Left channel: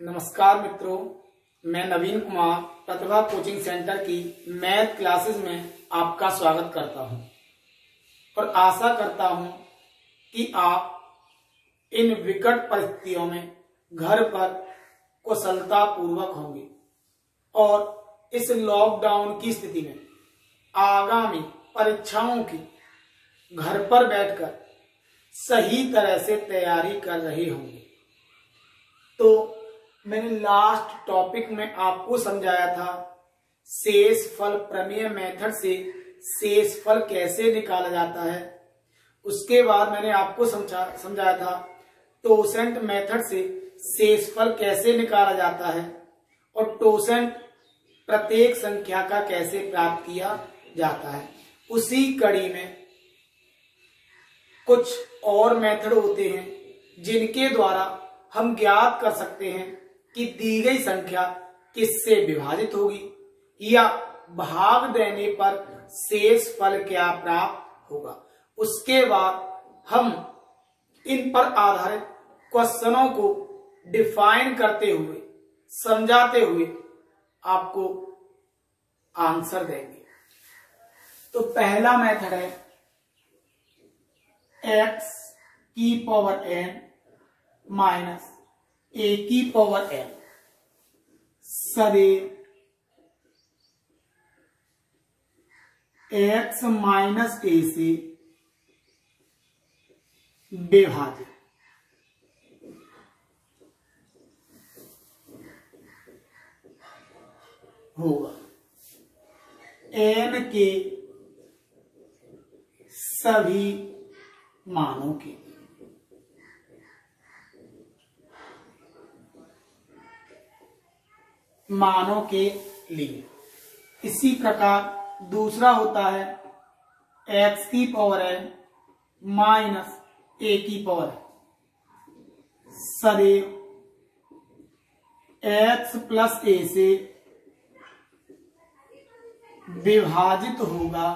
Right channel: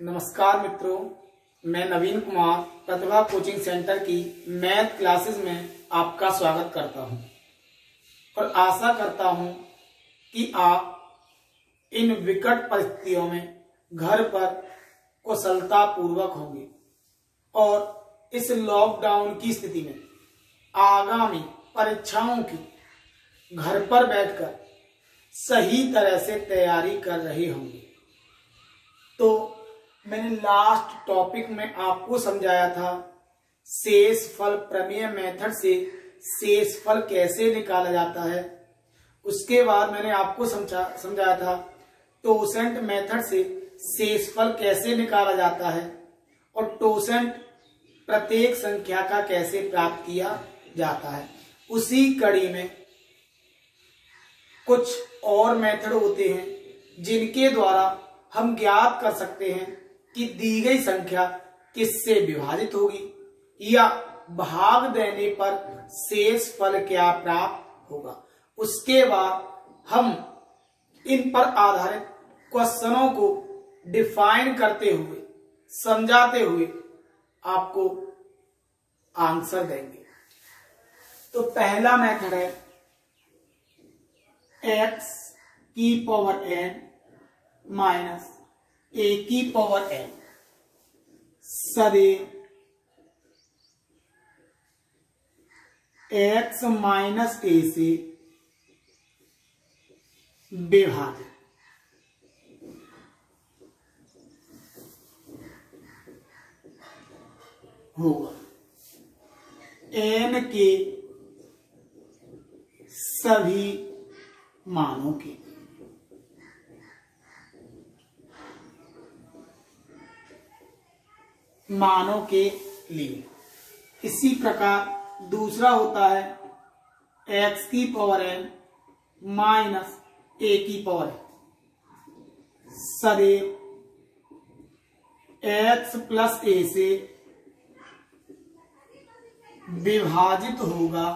नमस्कार मित्रों, मैं नवीन कुमार प्रतिभा कोचिंग सेंटर की मैथ क्लासेस में आपका स्वागत करता हूं और आशा करता हूं कि आप इन विकट परिस्थितियों में घर पर कुशलता पूर्वक होंगे और इस लॉकडाउन की स्थिति में आगामी परीक्षाओं की घर पर बैठकर सही तरह से तैयारी कर रहे होंगे। तो मैंने लास्ट टॉपिक में आपको समझाया था शेषफल प्रमेय मेथड से शेषफल कैसे निकाला जाता है। उसके बाद मैंने आपको समझाया था टोसेंट मेथड से शेषफल कैसे निकाला जाता है और टोसेंट प्रत्येक संख्या का कैसे प्राप्त किया जाता है। उसी कड़ी में कुछ और मेथड होते हैं जिनके द्वारा हम ज्ञात कर सकते हैं कि दी गई संख्या किससे विभाजित होगी या भाग देने पर शेष फल क्या प्राप्त होगा। उसके बाद हम इन पर आधारित क्वेश्चनों को डिफाइन करते हुए समझाते हुए आपको आंसर देंगे। तो पहला मेथड है x की पावर n माइनस a की पावर n सदैव x माइनस a से विभाजित होगा n के सभी मानों के लिए। इसी प्रकार दूसरा होता है x की पावर n माइनस a की पावर n सदैव x प्लस a से विभाजित होगा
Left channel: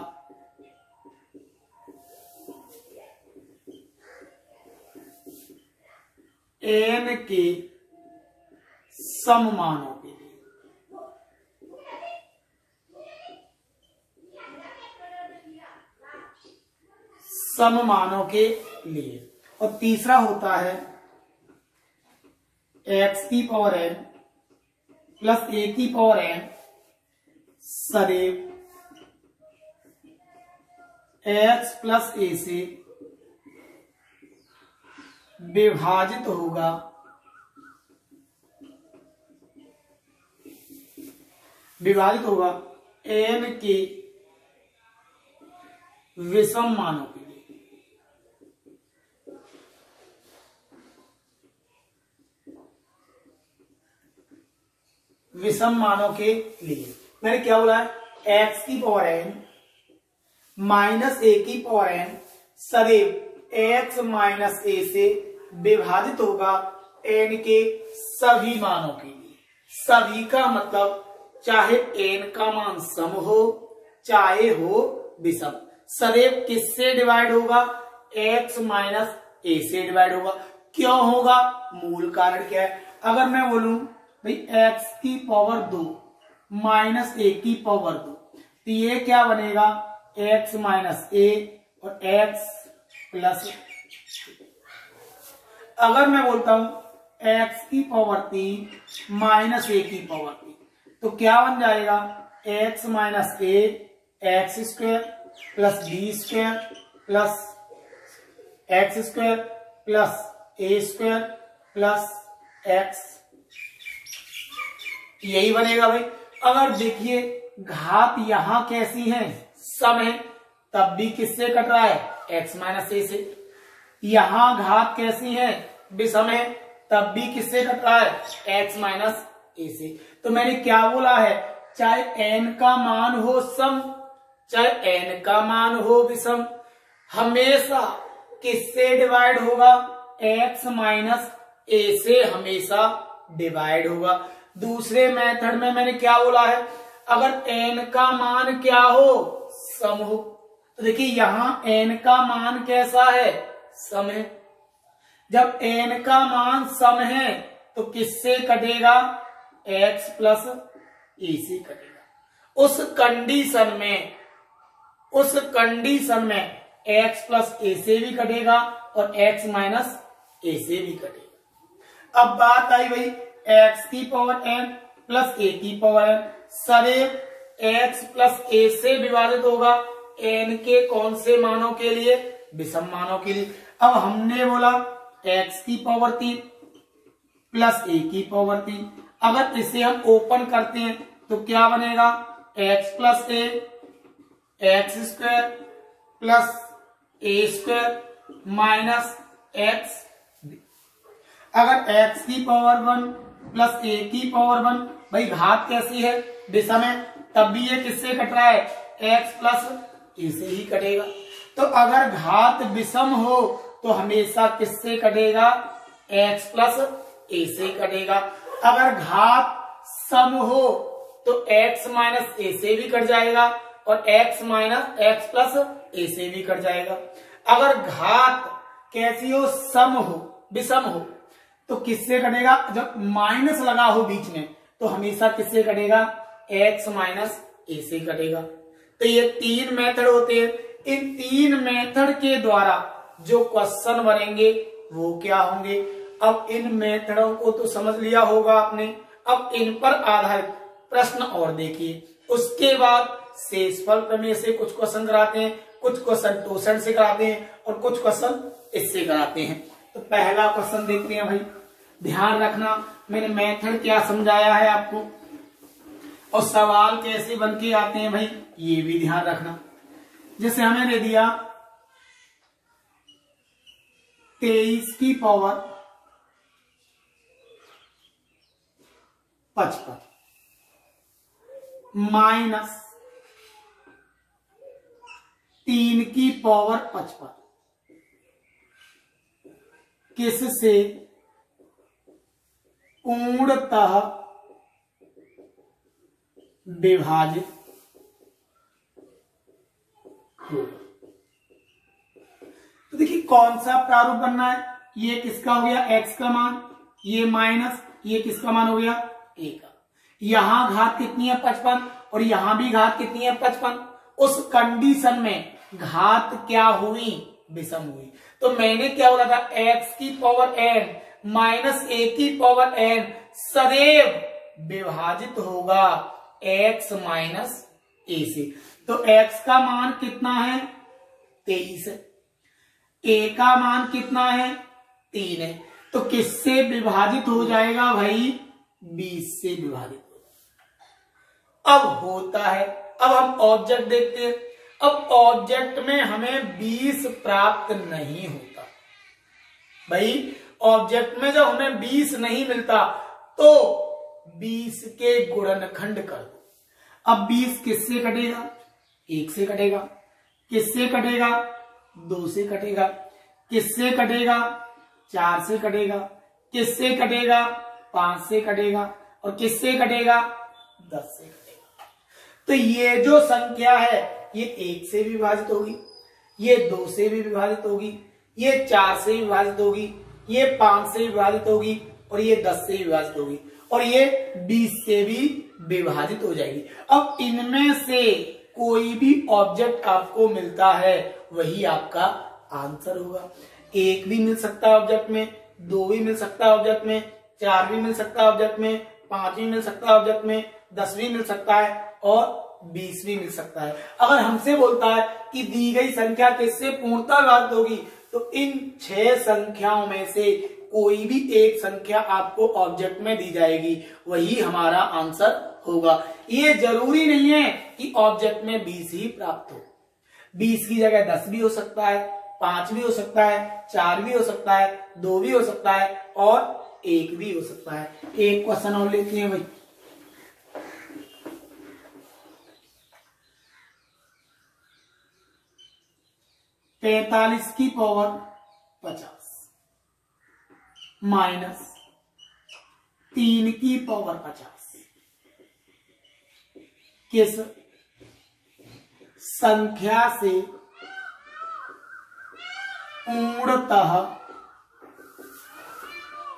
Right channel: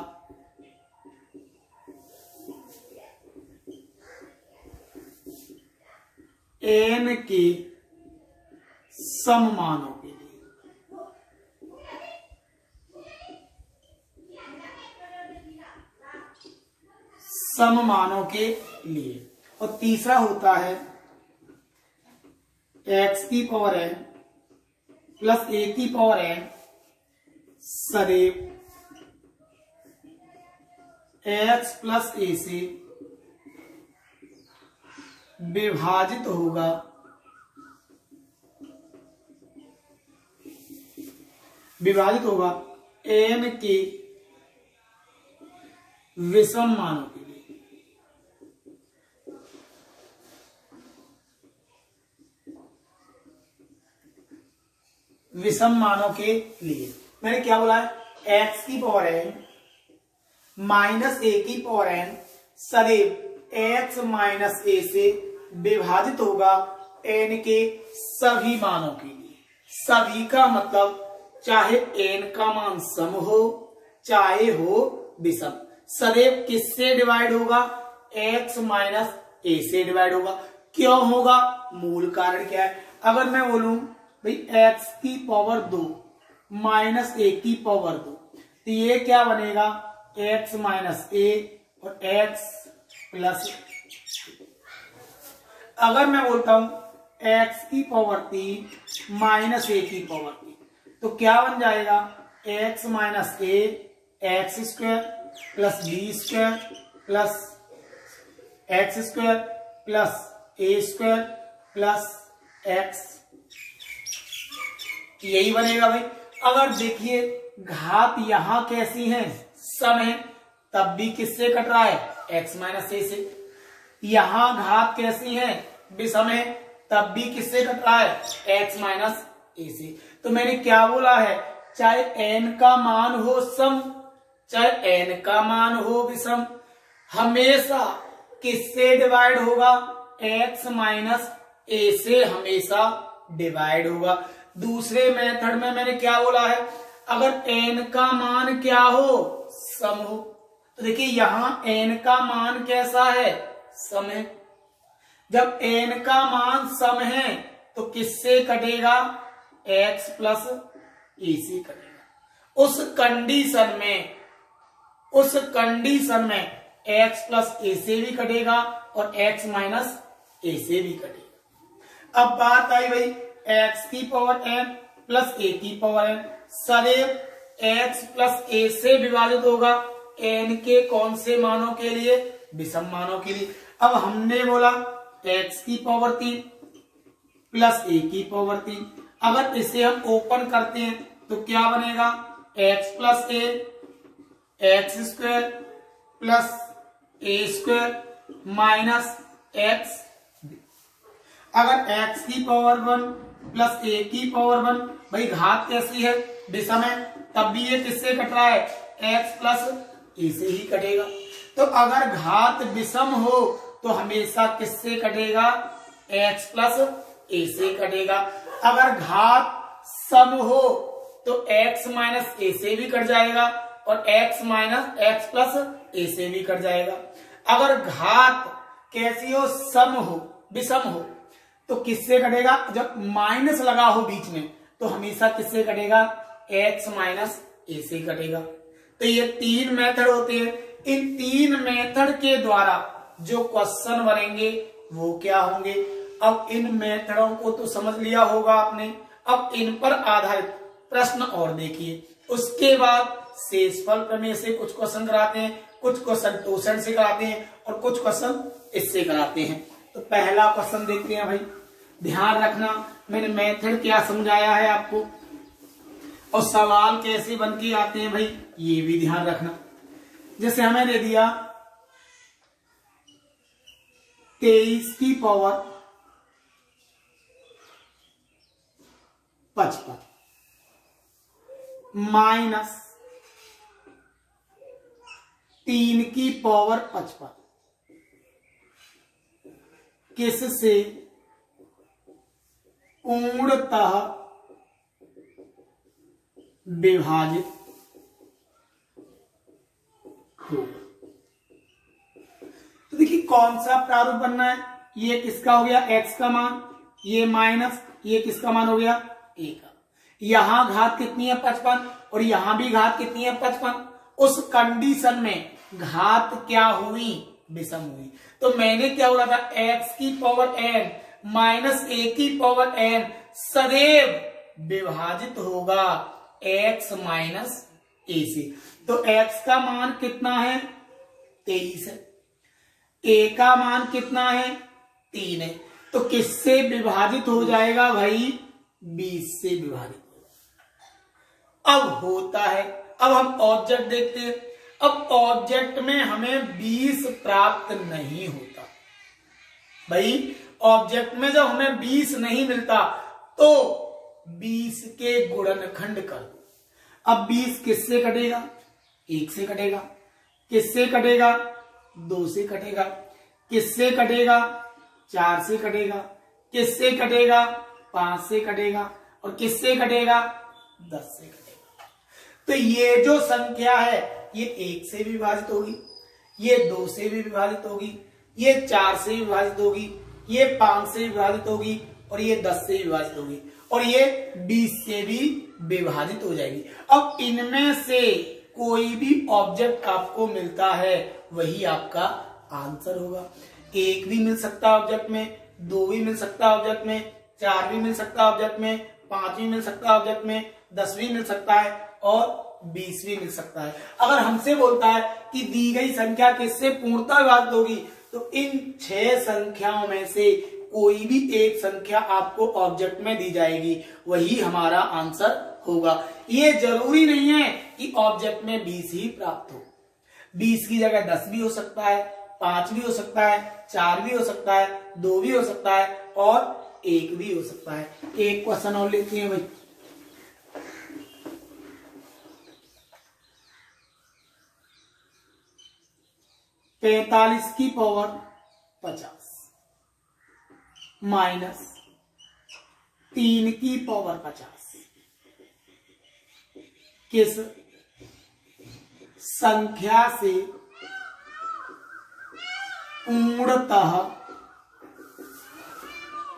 n के सममानों के लिए। सममानों के लिए। और तीसरा होता है x की पावर n प्लस a की पावर n सदैव x प्लस a से विभाजित होगा n के विषम मानों के लिए। विषम मानों के लिए मैंने क्या बोला है, x की पावर n माइनस a की पावर n सदैव x माइनस a से विभाजित होगा n के सभी मानों के लिए। सभी का मतलब चाहे n का मान सम हो चाहे हो विषम, सदैव किससे डिवाइड होगा, x माइनस a से डिवाइड होगा। क्यों होगा, मूल कारण क्या है। अगर मैं बोलूं भाई x की पावर 2 माइनस a की पावर 2 तो ये क्या बनेगा, x माइनस a और x प्लस। अगर मैं बोलता हूं x की पावर 3 माइनस a की पावर 3 तो क्या बन जाएगा, x minus a x square plus B square plus x square plus A square plus x, यही बनेगा भाई। अगर देखिए घात यहां कैसी है, सम है, तब भी किससे कट रहा है, x माइनस ए से। यहां घात कैसी है, विषम है, तब भी किससे कट रहा है, x माइनस ए से। तो मैंने क्या बोला है, चाहे n का मान हो सम चाहे n का मान हो विषम, हमेशा किससे डिवाइड होगा, x माइनस ए से हमेशा डिवाइड होगा। दूसरे मेथड में मैंने क्या बोला है, अगर n का मान क्या हो, सम हो, तो देखिए यहां n का मान कैसा है, सम है। जब n का मान सम है तो किससे कटेगा? x प्लस ए से कटेगा। उस कंडीशन में x प्लस ए से भी कटेगा और x माइनस ए से भी कटेगा। अब बात आई भाई x की पावर n प्लस a की पावर n, सदैव x प्लस ए से विभाजित होगा n के कौन से मानों के लिए? विषम मानों के लिए। अब हमने बोला x की पावर 3 प्लस a की पावर 3, अगर इसे हम ओपन करते हैं तो क्या बनेगा? x plus A x square plus A square minus x. अगर x की पावर 1 प्लस a की पावर 1, भाई घात कैसी है? विषम है, तब भी ये किससे कट रहा है? x प्लस ए से ही कटेगा। तो अगर घात विषम हो तो हमेशा किससे कटेगा? x प्लस ए से कटेगा। अगर घात सम हो तो x माइनस ए से भी कट जाएगा और x माइनस एक्स प्लस ए से भी कट जाएगा। अगर घात कैसी हो? सम हो, विषम हो, तो किससे कटेगा? जब माइनस लगा हो बीच में तो हमेशा किससे कटेगा? x माइनस ए से कटेगा। तो ये 3 मेथड होते हैं। इन 3 मेथड के द्वारा जो क्वेश्चन बनेंगे वो क्या होंगे? अब इन मेथडों को तो समझ लिया होगा आपने। अब इन पर आधारित प्रश्न और देखिए। उसके बाद शेषफल प्रमेय से कुछ क्वेश्चन कराते हैं, कुछ क्वेश्चन टोसेंट से कराते हैं और कुछ क्वेश्चन इससे कराते हैं। तो पहला क्वेश्चन देखते हैं भाई। ध्यान रखना मैंने मेथड क्या समझाया है आपको और सवाल कैसे बन के आते हैं भाई, ये भी ध्यान रखना। जैसे हमें दे दिया 23 की पावर 55 माइनस 3 की पावर 55 किससे पूर्णतः विभाजित होगा। तो देखिए कौन सा प्रारूप बनना है? ये किसका हो गया? x का मान, ये माइनस ये किसका मान हो गया? a का। यहां घात कितनी है? 55 और यहां भी घात कितनी है? 55। उस कंडीशन में घात क्या हुई? विषम हुई। तो मैंने क्या बोला था? x की पावर n माइनस a की पावर n सदैव विभाजित होगा x माइनस a से। तो x का मान कितना है? 23 है। a का मान कितना है? 3 है। तो किससे विभाजित हो जाएगा भाई? 20 से विभाजित होगा। अब होता है, अब हम ऑब्जेक्ट देखते हैं। अब ऑब्जेक्ट में हमें 20 प्राप्त नहीं होता भाई। ऑब्जेक्ट में जब हमें 20 नहीं मिलता तो 20 के गुणनखंड कर दो। अब 20 किससे कटेगा? 1 से कटेगा। किससे कटेगा? 2 से कटेगा। किससे कटेगा? 4 से कटेगा। किससे कटेगा? 5 से कटेगा। और किससे कटेगा? 10 से कटेगा। तो ये जो संख्या है ये 1 से भी विभाजित होगी, ये 2 से भी विभाजित होगी, ये 4 से भी विभाजित होगी, ये 5 से विभाजित होगी और ये 10 से विभाजित होगी और ये 20 से भी विभाजित हो जाएगी। अब इनमें से कोई भी ऑब्जेक्ट आपको मिलता है वही आपका आंसर होगा। 1 भी मिल सकता है ऑब्जेक्ट में, 2 भी मिल सकता है ऑब्जेक्ट में, 4 भी मिल सकता है ऑब्जेक्ट में, 5 भी मिल सकता है ऑब्जेक्ट में, 10 भी मिल सकता है और 20 भी मिल सकता है। अगर हमसे बोलता है कि दी गई संख्या किससे पूर्णतः विभाजित होगी तो इन 6 संख्याओं में से कोई भी एक संख्या आपको ऑब्जेक्ट में दी जाएगी, वही हमारा आंसर होगा। ये जरूरी नहीं है कि ऑब्जेक्ट में 20 ही प्राप्त हो। 20 की जगह 10 भी हो सकता है, 5 भी हो सकता है, 4 भी हो सकता है, 2 भी हो सकता है और 1 भी हो सकता है। एक क्वेश्चन और लेते हैं भाई। पैंतालीस की पावर 50 माइनस 3 की पावर 50 किस संख्या से पूर्णतः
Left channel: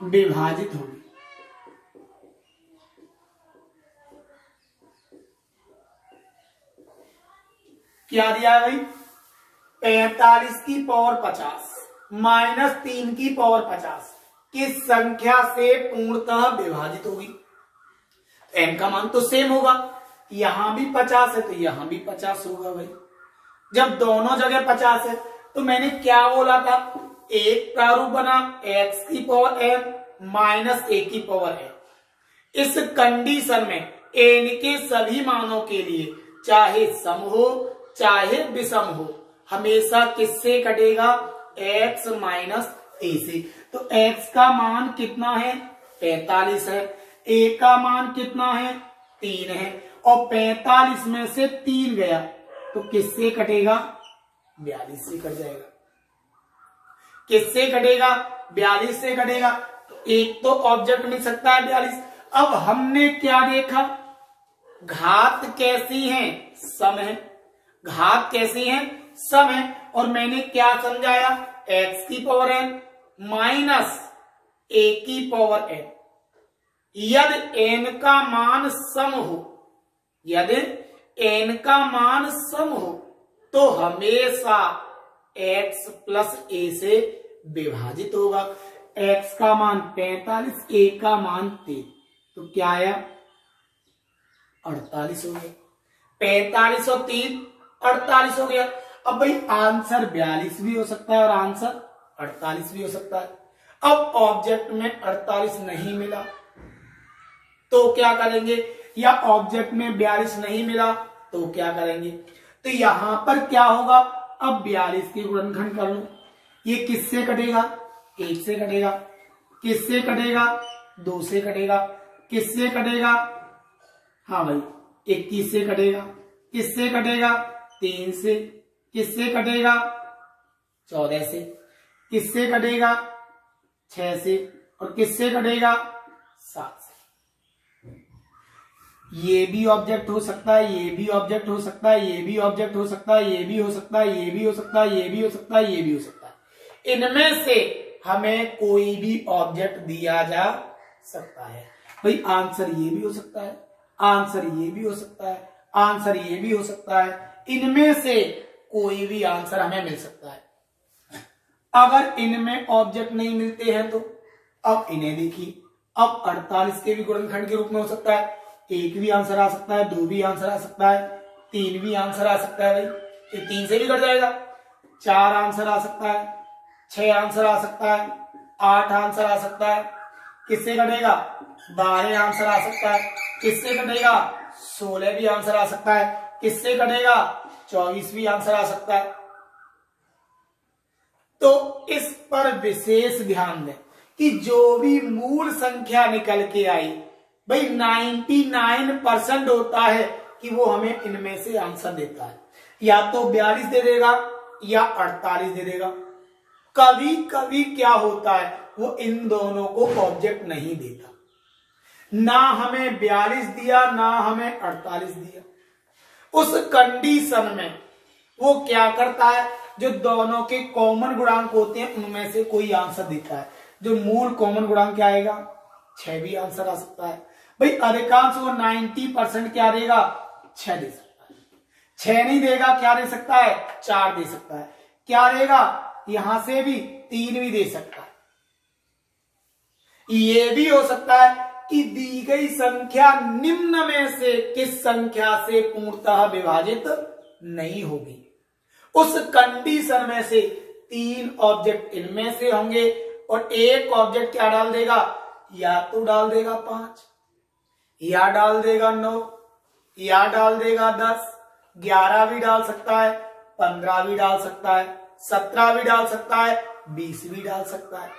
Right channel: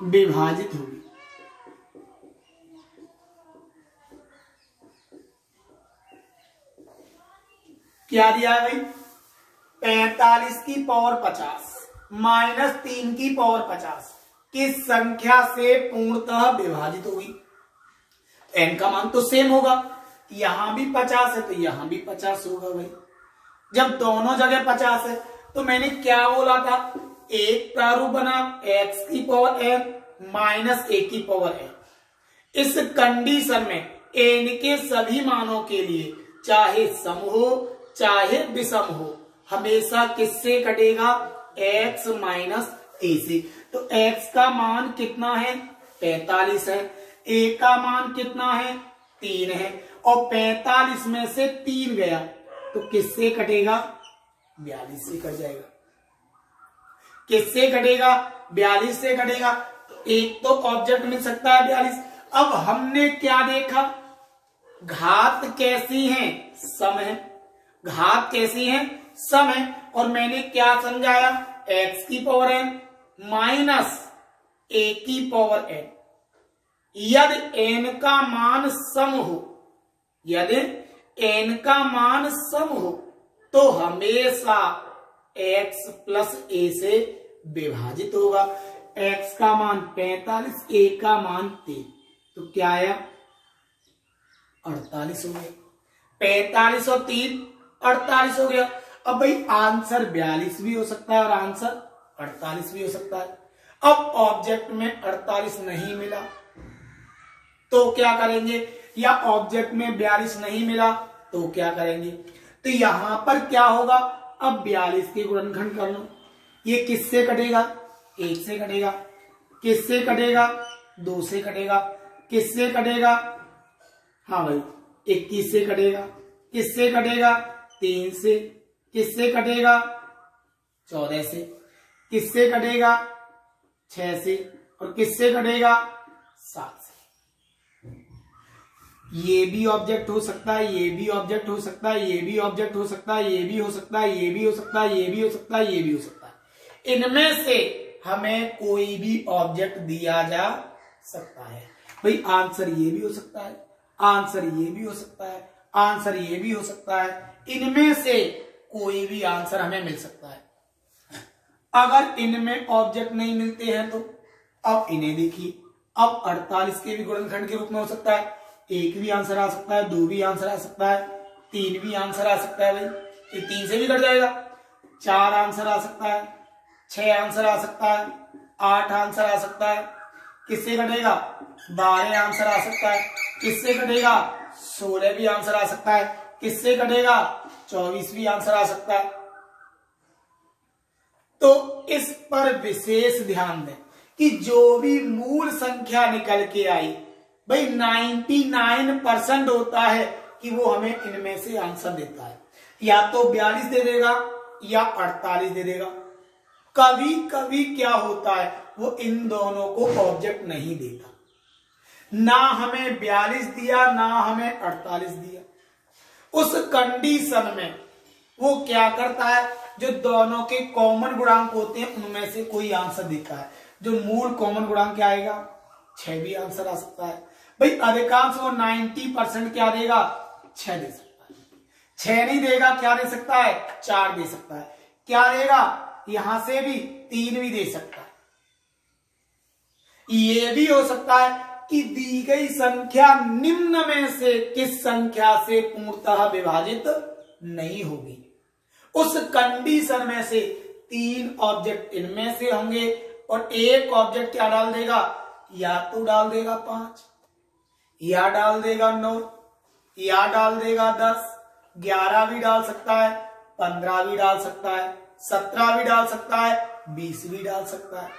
विभाजित होगी? क्या दिया है भाई, 45 की पावर 50 माइनस 3 की पावर 50 किस संख्या से पूर्णतः विभाजित होगी। n का मान तो सेम होगा, यहां भी 50 है तो यहां भी 50 होगा भाई। जब दोनों जगह 50 है तो मैंने क्या बोला था, एक प्रारूप बना x की पावर n माइनस 1 की पावर n। इस कंडीशन में n के सभी मानों के लिए चाहे सम हो चाहे विषम हो हमेशा किससे कटेगा, x माइनस a से। तो x का मान कितना है, 45 है, a का मान कितना है, 3 है, और 45 में से 3 गया तो किससे कटेगा, 42 से कट जाएगा। किससे कटेगा, 42 से कटेगा। तो एक तो ऑब्जेक्ट मिल सकता है 42। अब हमने क्या देखा, घात कैसी है, सम है, घात कैसी है, सम है। और मैंने क्या समझाया, x की पावर n माइनस a की पावर n। यदि n का मान सम हो, यदि n का मान सम हो तो हमेशा x प्लस a से विभाजित होगा। x का मान 45, a का मान 3, तो क्या आया, 48 हो गया। 45 और 3 48 हो गया। अब भाई आंसर 42 भी हो सकता है और आंसर 48 भी हो सकता है। अब ऑब्जेक्ट में 48 नहीं मिला तो क्या करेंगे, या ऑब्जेक्ट में 42 नहीं मिला तो क्या करेंगे। तो यहां पर क्या होगा, अब 42 के गुणनखंड कर लो। ये किससे कटेगा, 1 से कटेगा, किससे कटेगा, 2 से कटेगा, किससे कटेगा, हाँ भाई 21 से कटेगा, किससे कटेगा, 3 से, किससे कटेगा, 14 से, किससे कटेगा, 6 से, और किससे कटेगा, 7 से। ये भी ऑब्जेक्ट हो सकता है, ये भी ऑब्जेक्ट हो सकता है, ये भी ऑब्जेक्ट हो सकता है, ये भी हो सकता है, ये भी हो सकता है, ये भी हो सकता है, ये भी हो सकता है। इनमें से हमें कोई भी ऑब्जेक्ट दिया जा सकता है। भाई आंसर ये भी हो सकता है, आंसर ये भी हो सकता है, आंसर ये भी हो सकता है। इनमें से कोई भी आंसर हमें मिल सकता है। अगर इनमें ऑब्जेक्ट नहीं मिलते हैं तो अब इन्हें देखिए, अब 48 के भी गुणनखंड के रूप में हो सकता है। 1 भी आंसर आ सकता है, 2 भी आंसर आ सकता है, 3 भी आंसर आ सकता है। भाई ये 3 से भी कट जाएगा। 4 आंसर आ सकता है, 6 आंसर आ सकता है, 8 आंसर आ सकता है। किससे कटेगा, 12 आंसर आ सकता है। किससे कटेगा, 16 भी आंसर आ सकता है। किससे कटेगा, 24 भी आंसर आ सकता है। तो इस पर विशेष ध्यान दें कि जो भी मूल संख्या निकल के आई, भाई 99% होता है कि वो हमें इनमें से आंसर देता है। या तो 42 दे देगा या 48 दे देगा। कभी कभी क्या होता है, वो इन दोनों को ऑब्जेक्ट नहीं देता, ना हमें 42 दिया ना हमें 48 दिया। उस कंडीशन में वो क्या करता है, जो दोनों के कॉमन गुणांक होते हैं उनमें से कोई आंसर देता है। जो मूल कॉमन गुणांक क्या आएगा, 6 भी आंसर आ सकता है। भाई अधिकांश वो 90% क्या देगा, 6 दे सकता है। 6 नहीं देगा, क्या दे सकता है, 4 दे सकता है। क्या देगा, यहां से भी 3 भी दे सकता है। ये भी हो सकता है कि दी गई संख्या निम्न में से किस संख्या से पूर्णतः विभाजित नहीं होगी। उस कंडीशन में से 3 ऑब्जेक्ट इनमें से होंगे और एक ऑब्जेक्ट क्या डाल देगा, या तो डाल देगा 5, या डाल देगा 9, या डाल देगा 10, 11 भी डाल सकता है, 15 भी डाल सकता है, 17 भी डाल सकता है, 20 भी डाल सकता है।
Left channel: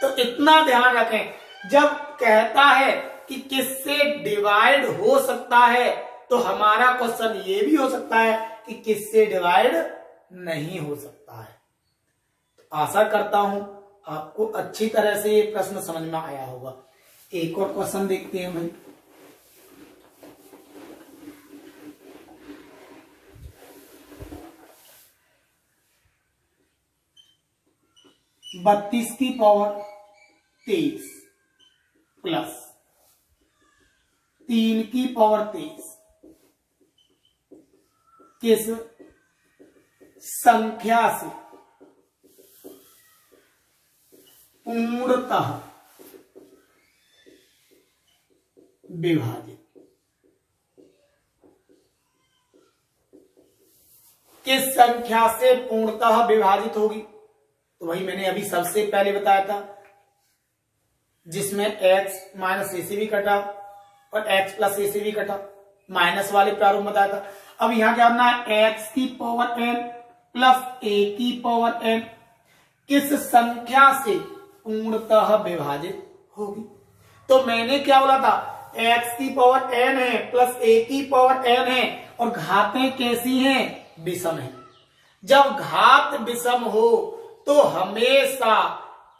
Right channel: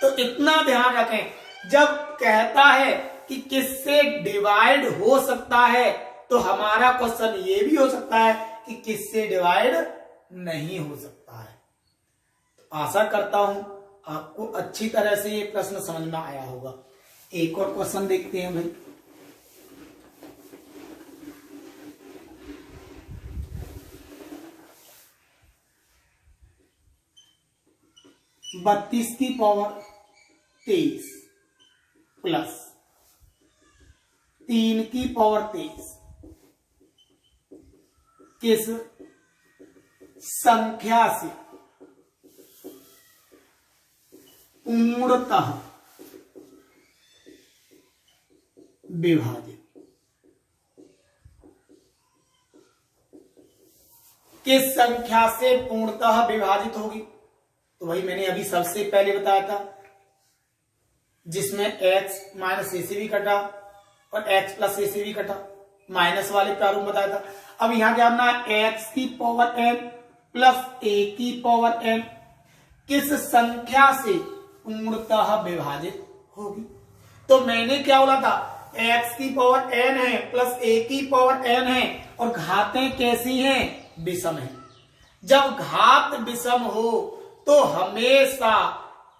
तो इतना ध्यान रखें, जब कहता है कि किससे डिवाइड हो सकता है तो हमारा क्वेश्चन ये भी हो सकता है कि किससे डिवाइड नहीं हो सकता है। तो आशा करता हूं आपको अच्छी तरह से ये प्रश्न समझ में आया होगा। एक और क्वेश्चन देखते हैं भाई। बत्तीस की पावर 23 प्लस 3 की पावर 23 किस संख्या से पूर्णतः विभाजित। किस संख्या से पूर्णतः विभाजित होगी? तो वही मैंने अभी सबसे पहले बताया था, जिसमें x माइनस ए से भी कटा और x प्लस ए से भी कटा, माइनस वाले प्रारूप बताया था। अब यहां क्या करना है, x की पावर n प्लस a की पावर n किस संख्या से पूर्णतः विभाजित होगी? तो मैंने क्या बोला था, x की पावर n है प्लस a की पावर n है और घातें कैसी हैं? विषम है। जब घात विषम हो तो हमेशा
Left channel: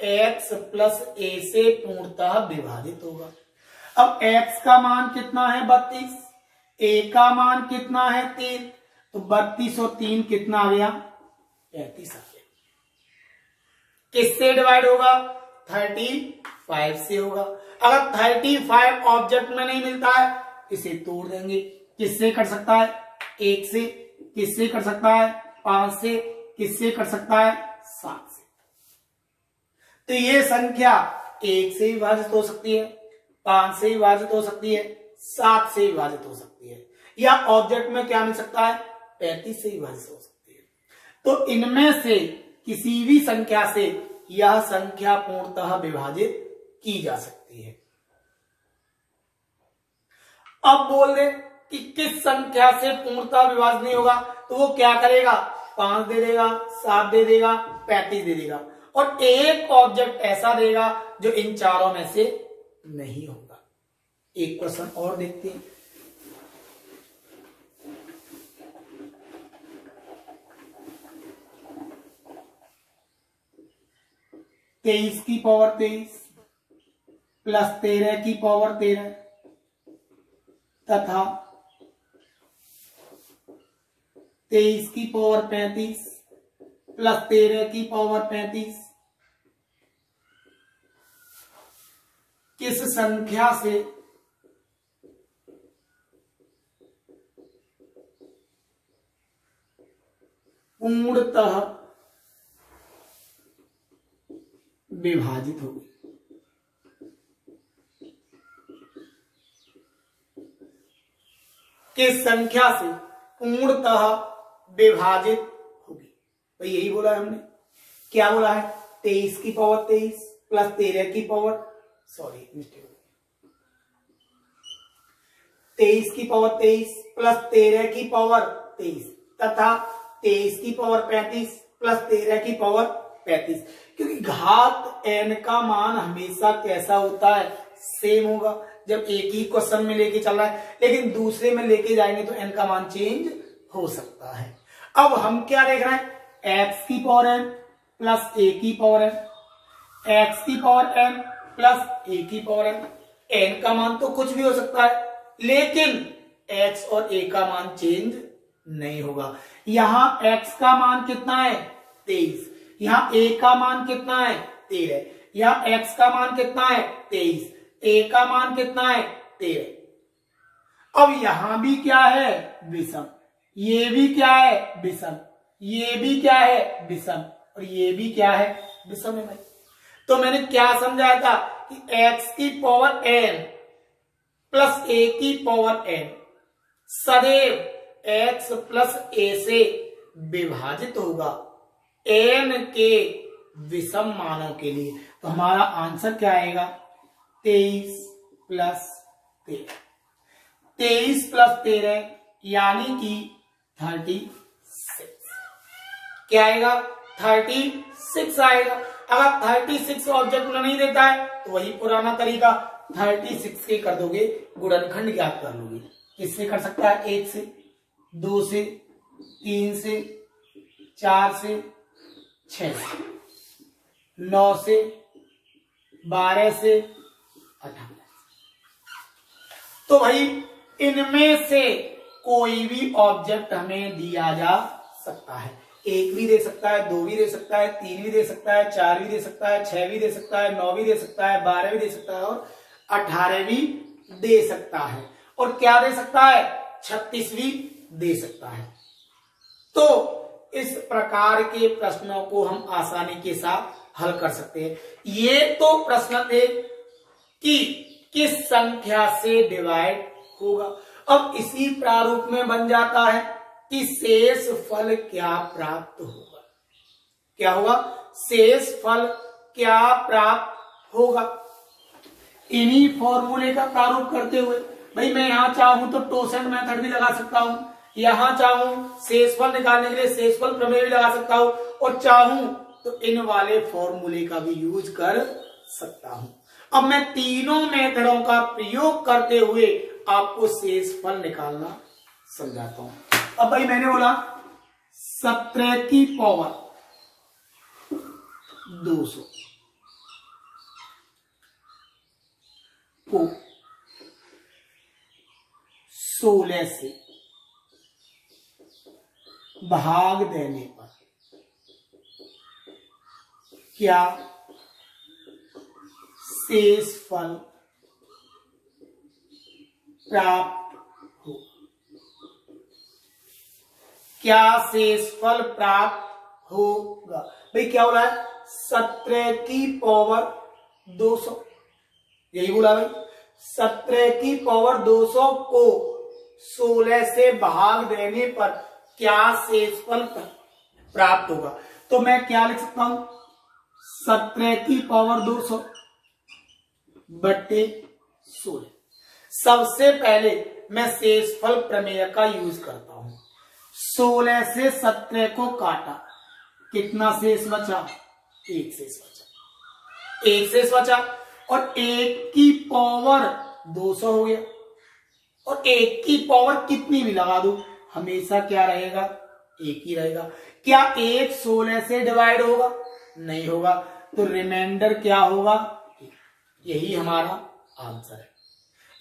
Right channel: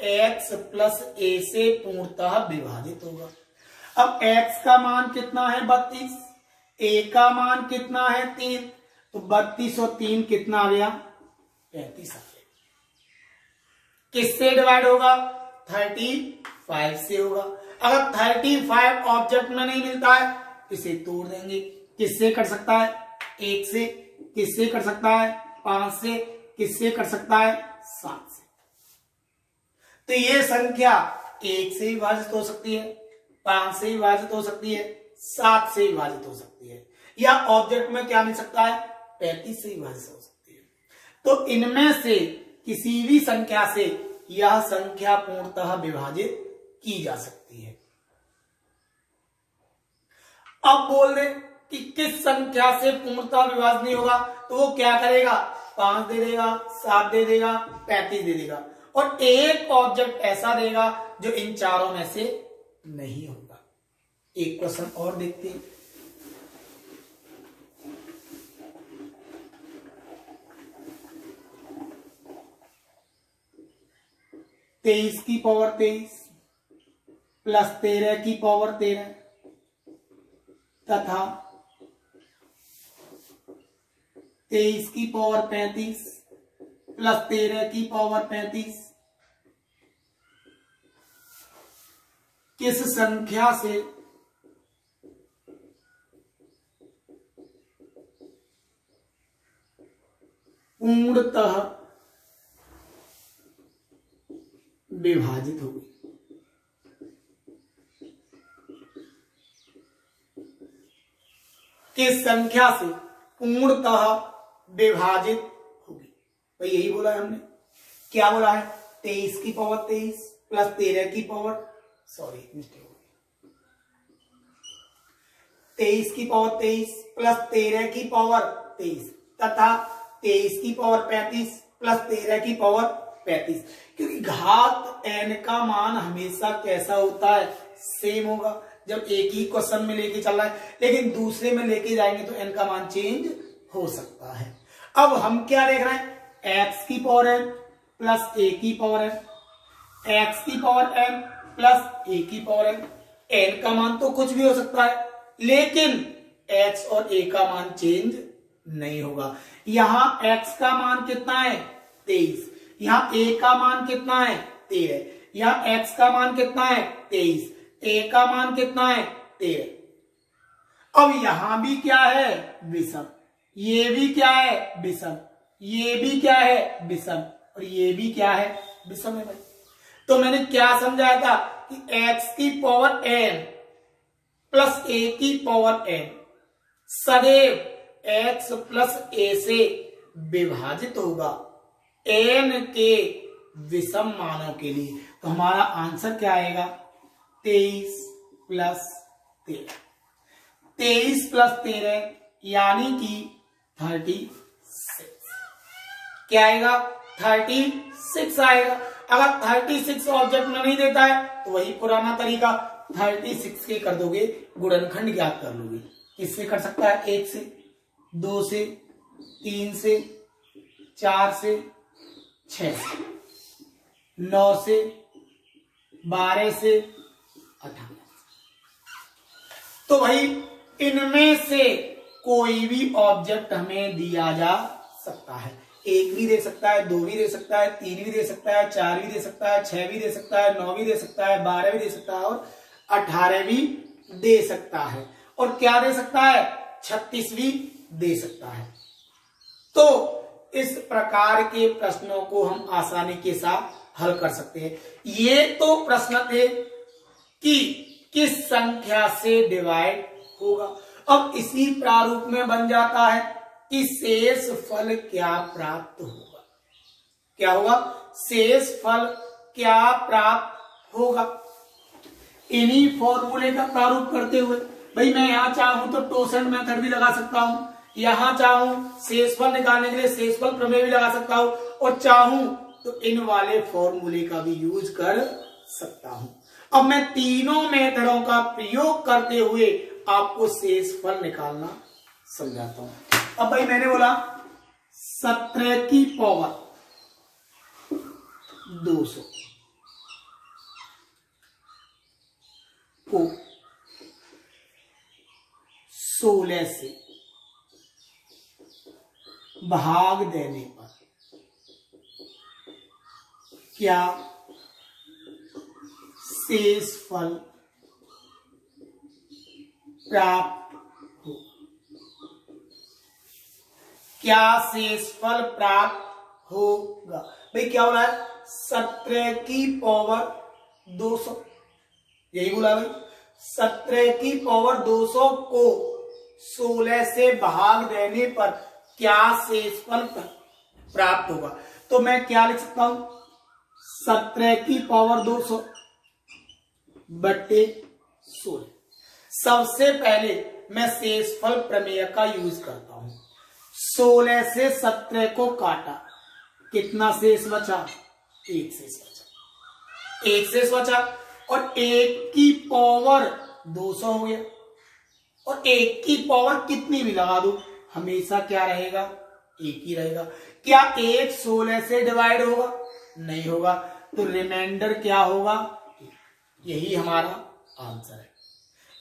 x प्लस a से पूर्णतः विभाजित होगा। अब x का मान कितना है? 32, a का मान कितना है? 3, तो 32 और 3 कितना आ गया? 35 आ गया। किससे डिवाइड होगा? 35 से होगा। अगर 35 ऑब्जेक्ट में नहीं मिलता है, इसे तोड़ देंगे। किससे कर सकता है? 1 से। किससे कर सकता है? 5 से। किससे कर सकता है? 7 से। तो ये संख्या 1 से विभाजित हो सकती है, 5 से विभाजित हो सकती है, 7 से विभाजित हो सकती है, या ऑब्जेक्ट में क्या मिल सकता है? 35 से विभाजित हो सकती है। तो इनमें से किसी भी संख्या से यह संख्या पूर्णतः विभाजित की जा सकती है। अब बोल दे कि किस संख्या से पूर्णतः विभाजित नहीं होगा, तो वो क्या करेगा? 5 दे देगा, 7 दे देगा, 35 दे देगा, और एक ऑब्जेक्ट ऐसा देगा जो इन चारों में से नहीं होगा। एक क्वेश्चन और देखते हैं। तेईस की पावर 23 प्लस 13 की पावर 13 तथा 23 की पावर 35 प्लस 13 की पावर 35 किस संख्या से पूर्णतः विभाजित होगी? किस संख्या से पूर्णतः विभाजित होगी? तो यही बोला है हमने। क्या बोला है? 23 की पावर 23 प्लस 13 की पावर, सॉरी मिस्टेक हो गई, 23 की पावर 23 प्लस 13 की पावर 23 तथा 23 की पावर 35 प्लस 13 की पावर 35। क्योंकि घात n का मान हमेशा कैसा होता है? सेम होगा। जब एक ही क्वेश्चन में लेके चल रहा है, लेकिन दूसरे में लेके जाएंगे तो n का मान चेंज हो सकता है। अब हम क्या देख रहे हैं? x की पावर n प्लस a की पावर n, x की पावर n प्लस a की पावर n। n का मान तो कुछ भी हो सकता है, लेकिन x और a का मान चेंज नहीं होगा। यहां x का मान कितना है? 23। यहां a का मान कितना है? 13। यहां x का मान कितना है? 23। a का मान कितना है? 13। अब यहां भी क्या है? विषम। ये भी क्या है? विषम। ये भी क्या है? विषम। और ये भी क्या है? विषम है भाई। तो मैंने क्या समझाया था कि x की पावर n प्लस a की पावर n सदैव x प्लस a से विभाजित होगा n के विषम मानों के लिए। तो हमारा आंसर क्या आएगा? 23 प्लस 13। 23 प्लस 13 यानी कि 36। क्या आएगा? 36 आएगा। अगर 36 ऑब्जेक्ट में नहीं देता है तो वही पुराना तरीका, 36 के कर दोगे, गुणनखंड ज्ञात कर लोगे। किससे कर सकता है? 1 से, 2 से, 3 से, 4 से, 6 से, 9 से, 12 से, 18। तो भाई इनमें से कोई भी ऑब्जेक्ट हमें दिया जा सकता है। 1 भी दे सकता है, 2 भी दे सकता है, 3 भी दे सकता है, 4 भी दे सकता है, 6 भी दे सकता है, 9 भी दे सकता है, 12 भी दे सकता है और 18 भी दे सकता है। और क्या दे सकता है? 36 भी दे सकता है। तो इस प्रकार के प्रश्नों को हम आसानी के साथ हल कर सकते हैं। ये तो प्रश्न थे कि किस संख्या से डिवाइड होगा। अब इसी प्रारूप में बन जाता है कि शेष फल क्या प्राप्त होगा। क्या होगा? शेष फल क्या प्राप्त होगा। इन्हीं फॉर्मूले का प्रारूप करते हुए भाई मैं यहां चाहूं तो टोसेंट मेथड भी लगा सकता हूं, यहां चाहूं शेषफल निकालने के लिए शेषफल प्रमेय भी लगा सकता हूं, और चाहूं तो इन वाले फॉर्मूले का भी यूज कर सकता हूं। अब मैं तीनों मेथडों का प्रयोग करते हुए आपको शेषफल निकालना समझाता हूं। अब भाई मैंने बोला 17 की पावर 200 को 16 से भाग देने पर क्या शेषफल प्राप्त हो? क्या शेषफल प्राप्त होगा? भाई क्या हो रहा है? 17 की पावर 200, यही बोला भाई। 17 की पावर 200 को 16 से भाग देने पर क्या शेषफल प्राप्त होगा? तो मैं क्या लिख सकता हूं? 17 की पावर 200 बट्टे 16। सबसे पहले मैं शेषफल प्रमेय का यूज करता हूं। 16 से 17 को काटा, कितना शेष बचा? 1 शेष बचा। 1 शेष बचा और 1 की पावर 200 हो गया। और 1 की पावर कितनी भी लगा दू हमेशा क्या रहेगा? 1 ही रहेगा। क्या 1 16 से डिवाइड होगा? नहीं होगा। तो रिमाइंडर क्या होगा? यही हमारा आंसर है।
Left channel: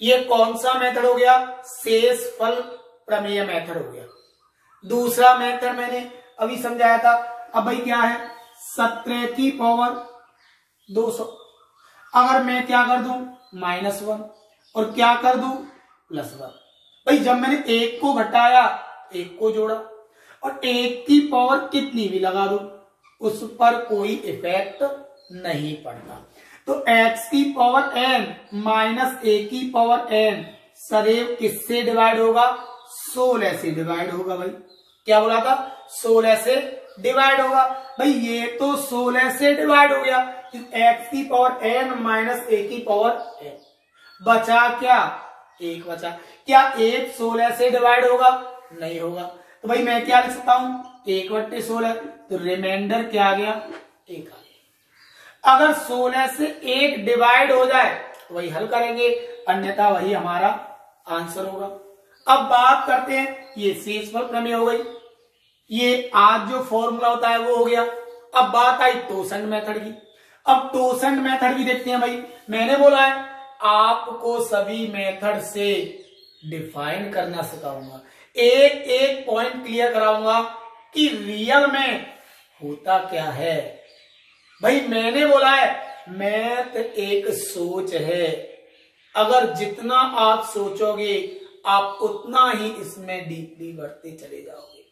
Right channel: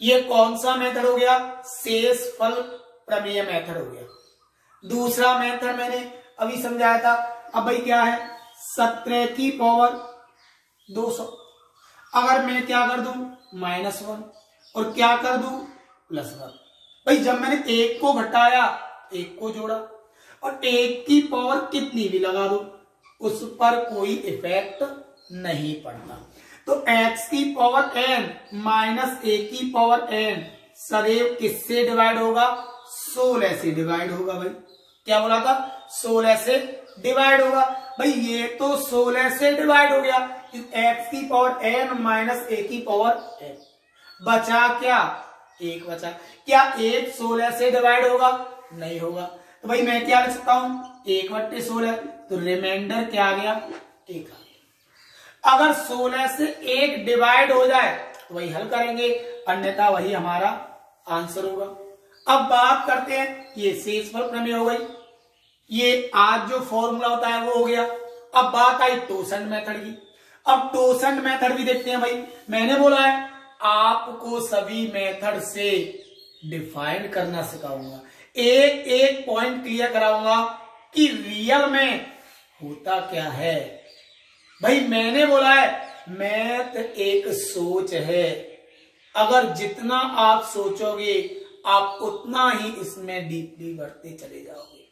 ये कौन सा मेथड हो गया? शेषफल प्रमेय मेथड हो गया। दूसरा मेथड मैंने अभी समझाया था। अब भाई क्या है? 17 की पावर 200, अगर मैं क्या कर दूं? -1, और क्या कर दूं? +1। भाई जब मैंने 1 को घटाया, 1 को जोड़ा, और 1 की पावर कितनी भी लगा दूं उस पर कोई इफेक्ट नहीं पड़ता। तो x की पावर n माइनस a की पावर n सदैव किससे डिवाइड होगा? 16 से डिवाइड होगा। भाई क्या बोला था? 16 से डिवाइड होगा। भाई ये तो 16 से डिवाइड हो गया। x की पावर n माइनस a की पावर n, बचा क्या? 1 बचा। क्या 1 16 से डिवाइड होगा? नहीं होगा। तो भाई मैं क्या लिख सकता हूं? 1/16। तो रिमाइंडर क्या आ गया? 1 आ गया। अगर 16 से 1 डिवाइड हो जाए तो वही हल करेंगे, अन्यथा वही हमारा आंसर होगा। अब बात करते हैं, ये शेषफल प्रमेय हो गई, ये आज जो फॉर्मूला होता है वो हो गया। अब बात आई टोसेंट मेथड की। अब टोसेंट मेथड भी देखते हैं। भाई मैंने बोला है आपको सभी मेथड से डिफाइन करना सिखाऊंगा, एक एक पॉइंट क्लियर कराऊंगा कि रियल में होता क्या है। भाई मैंने बोला है मैथ एक सोच है, अगर जितना आप सोचोगे आप उतना ही इसमें डीपली बढ़ते चले जाओगे।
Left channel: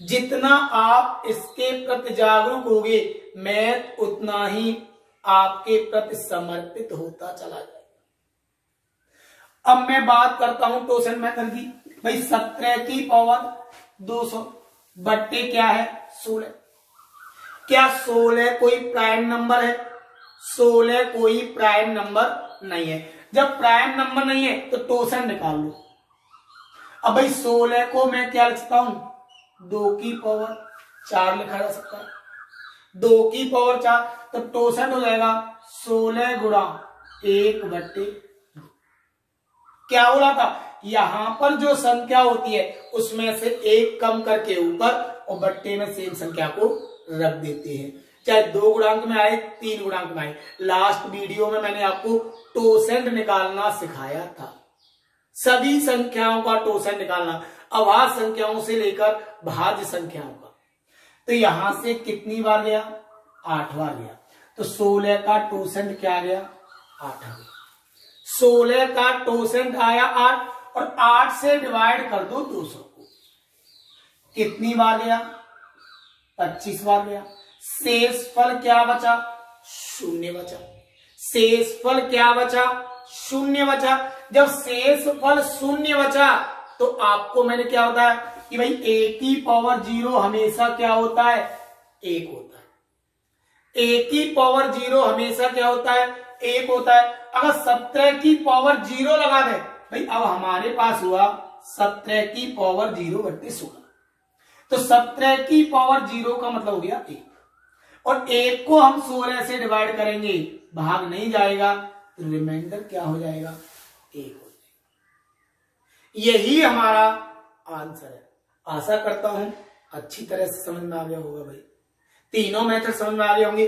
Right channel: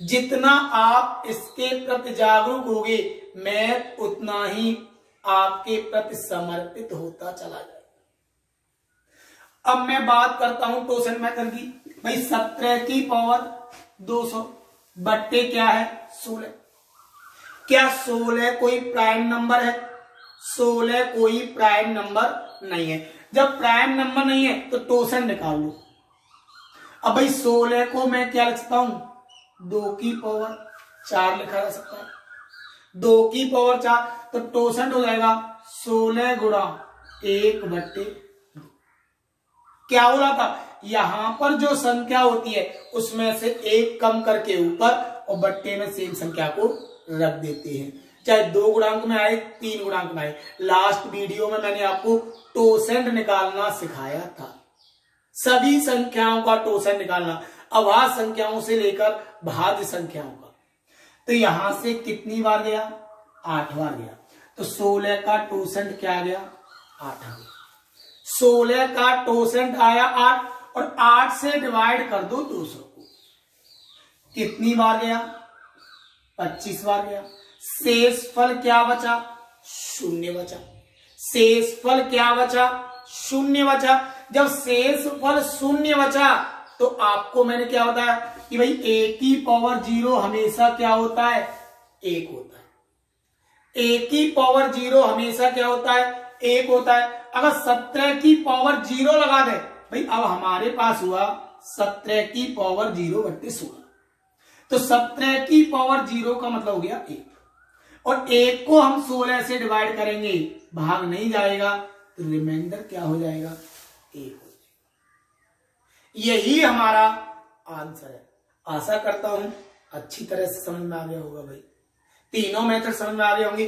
जितना आप इसके प्रति जागरूक होगे मैथ उतना ही आपके प्रति समर्पित होता चला जाएगा। अब मैं बात करता हूं टोसेंट मेथड की। भाई 17 की पावर 200 बट्टे क्या है? 16। क्या 16 कोई प्राइम नंबर है? 16 कोई प्राइम नंबर नहीं है। जब प्राइम नंबर नहीं है तो टोसेंट निकाल लो। अब भाई 16 को मैं क्या लिख सकता हूं? 2 की पावर 4 लिखा जा सकता है। 2 की पावर 4 तो टोसेंट हो जाएगा 16 गुणा 1/2। क्या हो रहा था? यहां पर जो संख्या होती है उसमें से 1 कम करके ऊपर और बट्टे में सेम संख्या को रख देते हैं, चाहे 2 गुणांक में आए 3 गुणांक में आए। लास्ट वीडियो में मैंने आपको टोसेंट निकालना सिखाया था, सभी संख्याओं का टोसेंट निकालना, अभाज्य संख्याओं से लेकर भाज्य संख्याओं का। तो यहां से कितनी बार गया? 8 बार गया। तो 16 का टोसेंट क्या गया? 8 आ गया। 16 का टोसेंट आया 8 और 8 से डिवाइड कर दो 200 को। कितनी बार गया? 25 बार गया। शेषफल क्या बचा? शून्य बचा। शेषफल क्या बचा? शून्य बचा। जब शेषफल शून्य बचा तो आपको मैंने क्या बताया कि भाई a की पावर 0 हमेशा क्या होता है? 1 होता है। a की पावर 0 हमेशा क्या होता है? 1 होता है। अगर 17 की पावर 0 लगा दे भाई, अब हमारे पास हुआ 17 की पावर 0/16। तो 17 की पावर 0 का मतलब हो गया 1, और 1 को हम 16 से डिवाइड करेंगे, भाग नहीं जाएगा, तो रिमाइंडर क्या हो जाएगा? 1 हो जाएगा। यही हमारा आंसर है। आशा करता हूं अच्छी तरह से समझ में आ गया होगा भाई। तीनों मेथड समझ में आ गए होंगे।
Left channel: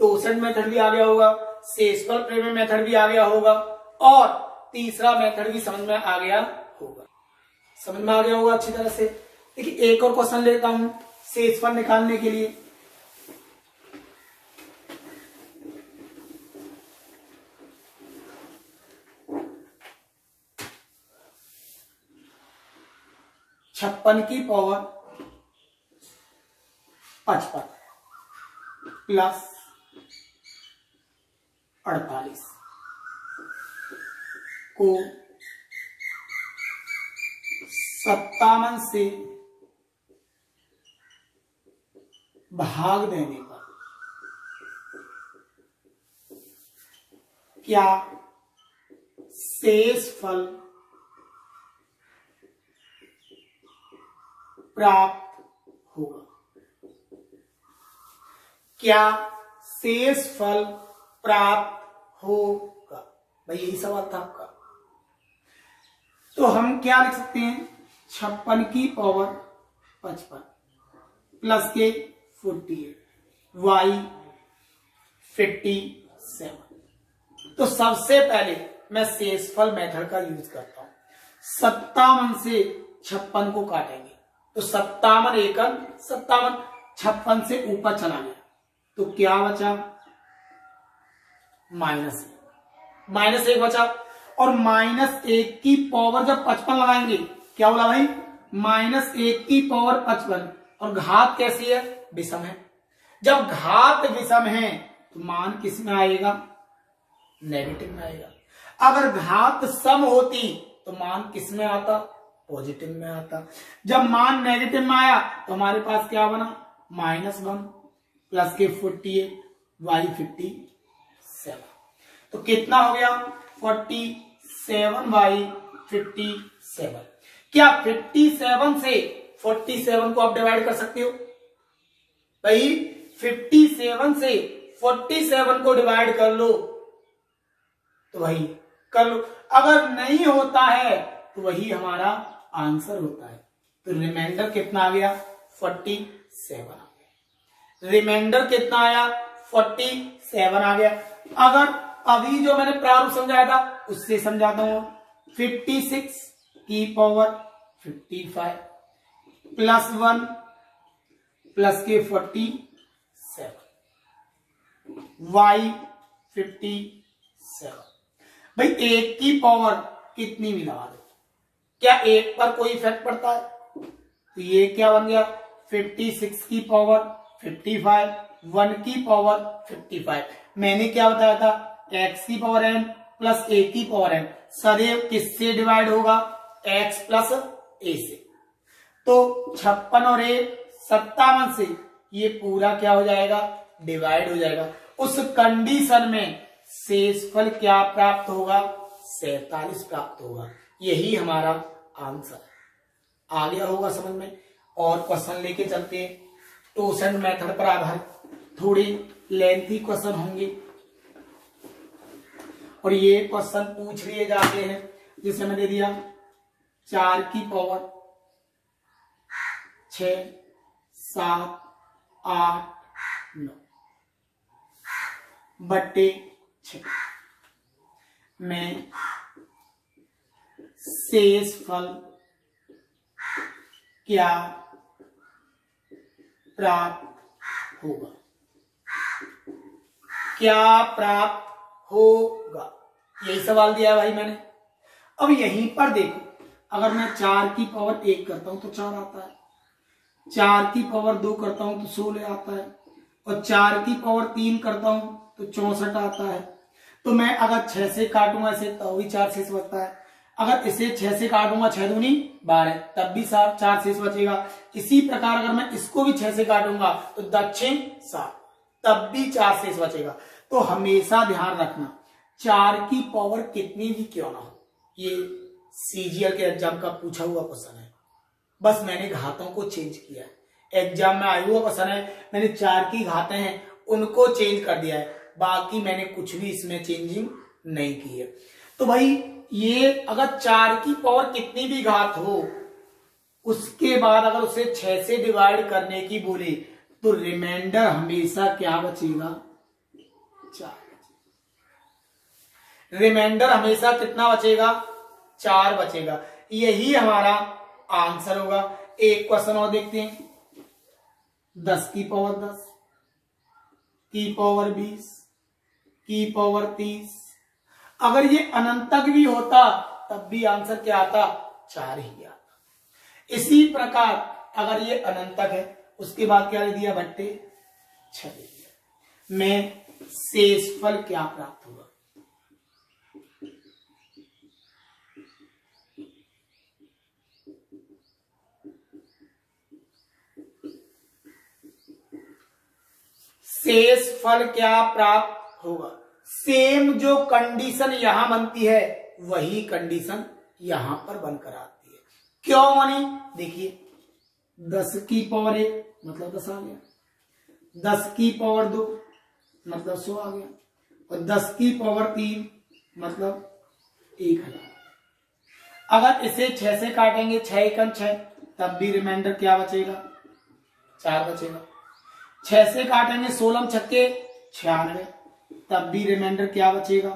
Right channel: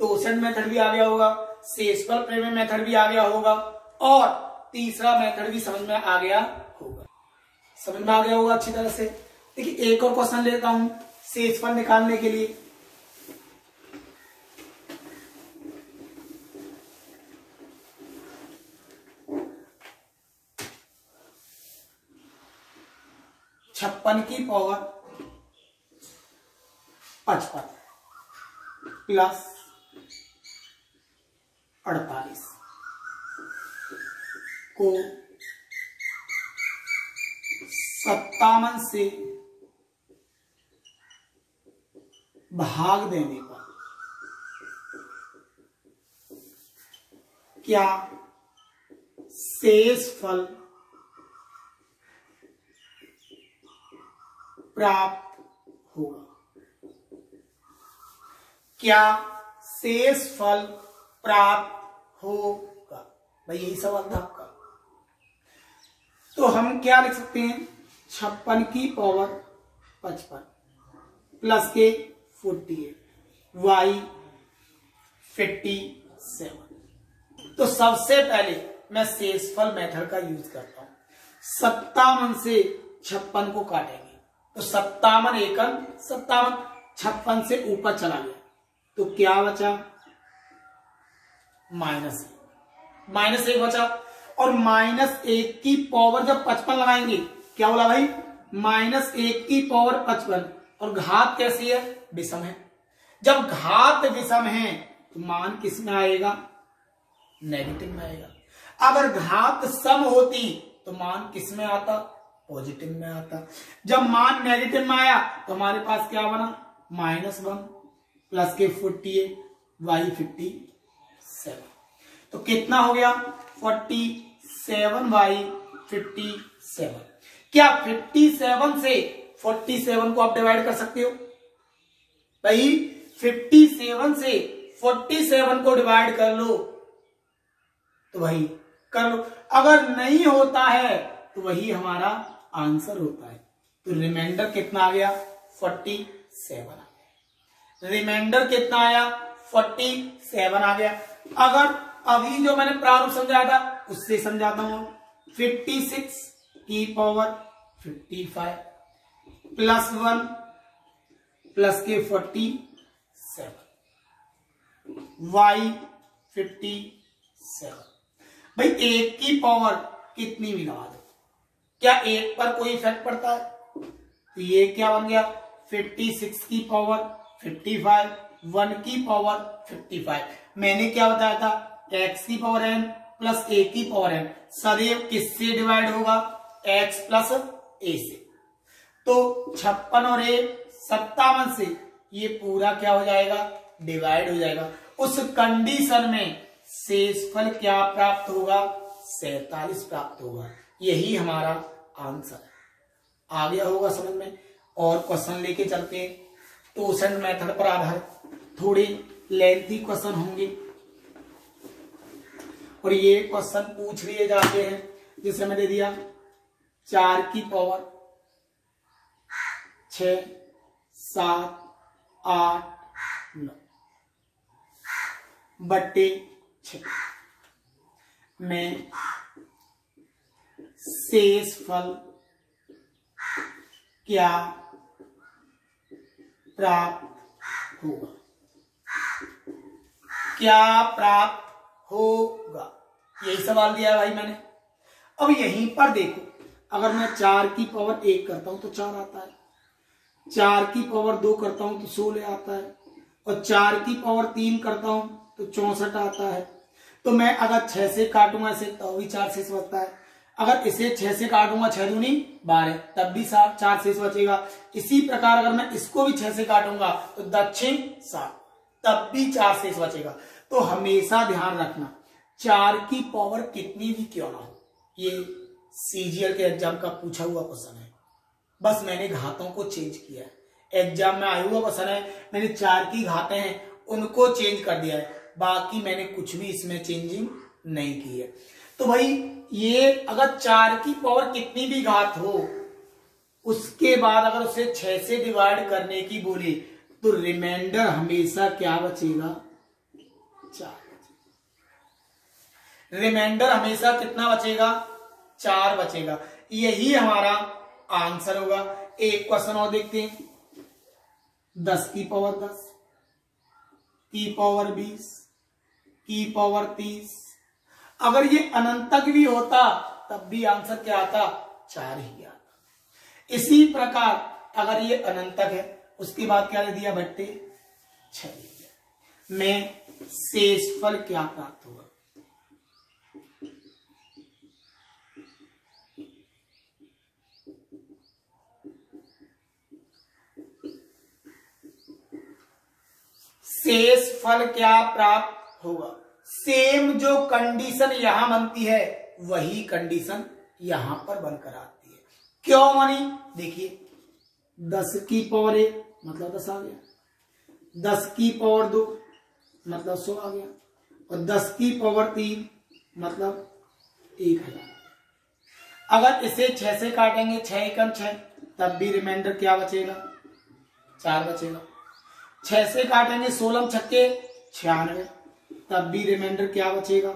टोसेंट मेथड भी आ गया होगा, शेषफल प्रमेय मेथड भी आ गया होगा, और तीसरा मेथड भी समझ में आ गया होगा। समझ में आ गया होगा अच्छी तरह से। देखिए एक और क्वेश्चन लेता हूं शेषफल निकालने के लिए। छप्पन की पावर 55 प्लस 48 को 57 से भाग देने पर क्या शेषफल प्राप्त होगा? क्या शेषफल प्राप्त होगा? भाई यही सवाल था आपका। तो हम क्या लिख सकते हैं? 56 की पावर 55 प्लस के 48 y 57। तो सबसे पहले मैं शेषफल मेथड का यूज करता हूं। 57 से 56 को काटेंगे तो 57 एकम 57, 56 से ऊपर चला गया तो क्या बचा? -1 बचा। और -1 की पावर जब 55 लगाएंगे, क्या बोला भाई? -1 की पावर 55, और घात कैसी है? विषम है। जब घात विषम है तो मान किस में आएगा? नेगेटिव में आएगा। अगर घात सम होती तो मान किस में आता? पॉजिटिव में आता। जब मान नेगेटिव में आया तो हमारे पास क्या बना? -1 प्लस के 48 y 57। तो कितना हो गया? 47y 57। क्या 57 से 47 को आप डिवाइड कर सकते हो? भाई 57 से 47 को डिवाइड कर लो तो भाई कर लो। अगर नहीं होता है तो वही हमारा आंसर होता है। तो रिमाइंडर कितना आ गया? 47 आ गया। रिमाइंडर कितना आया? 47 आ गया। अगर अभी जो मैंने प्रारूप समझाया था उससे समझाता हूं। 56 की पावर 55 प्लस 1 प्लस के 47 y 57। भाई 1 की पावर कितनी भी लगा दो, क्या 1 पर कोई इफेक्ट पड़ता है? तो ये क्या बन गया? 56 की पावर 55, 1 की पावर 55। मैंने क्या बताया था? x की पावर n प्लस a की पावर n सदैव किससे डिवाइड होगा? x प्लस a से। तो 56 और a 57 से ये पूरा क्या हो जाएगा? डिवाइड हो जाएगा। उस कंडीशन में शेषफल क्या प्राप्त होगा? 47 प्राप्त होगा। यही हमारा आंसर है। आ गया होगा समझ में। और क्वेश्चन लेके चलते हैं टोसेंट मेथड पर आधारित। थोड़े लेंथी क्वेश्चन होंगे और ये क्वेश्चन पूछ लिए जाते हैं। जैसे मैंने दिया 4 की पावर 6 7 8 9 बट्टे 6 में शेषफल क्या प्राप्त होगा? क्या प्राप्त होगा? यही सवाल दिया है भाई मैंने। अब यहीं पर देखो, अगर मैं 4 की पावर 1 करता हूं तो 4 आता है, 4 की पावर 2 करता हूं तो 16 आता है, और 4 की पावर 3 करता हूं तो 64 आता है। तो मैं अगर 6 से काटूंगा इसे तो भी 4 शेष बचता है, अगर इसे 6 से काटूंगा 6 दूनी 12 तब भी 4 शेष बचेगा। इसी प्रकार अगर मैं इसको भी 6 से काटूंगा तो दक्षिण 7 तब भी 4 शेष बचेगा। तो हमेशा ध्यान रखना 4 की पावर कितनी भी क्यों ना हो, ये सीजीएल के एग्जाम का पूछा हुआ क्वेश्चन है, बस मैंने घातों को चेंज किया है। एग्जाम में आया हुआ क्वेश्चन है, मैंने 4 की घातें हैं उनको चेंज कर दिया है, बाकी मैंने कुछ भी इसमें चेंजिंग नहीं की है। तो भाई ये अगर 4 की पावर कितनी भी घात हो, उसके बाद अगर उसे 6 से डिवाइड करने की बोले तो रिमाइंडर हमेशा क्या बचेगा, 4। रिमाइंडर हमेशा कितना बचेगा, 4 बचेगा। यही हमारा आंसर होगा। एक क्वेश्चन और देखते हैं, 10 की पावर 10 की पावर 20 की पावर 30। अगर ये अनंत तक भी होता तब भी आंसर क्या आता, 4 ही आता। इसी प्रकार अगर ये अनंत तक है उसके बाद क्या दे दिया, बट्टे 6 दे दिया। में शेषफल क्या प्राप्त होगा, शेषफल क्या प्राप्त होगा। सेम जो कंडीशन यहां बनती है वही कंडीशन यहां पर बनकर आती है। क्यों बनी, देखिए 10 की पावर 1 मतलब 10 आ गया, 10 की पावर 2 मतलब 100 आ गया, और 10 की पावर 3 मतलब 1000। अगर इसे 6 से काटेंगे 6 एकम 6 तब भी रिमाइंडर क्या बचेगा, 4 बचेगा। 6 से काटेंगे 16 छक्के 96 तब भी रिमाइंडर क्या बचेगा,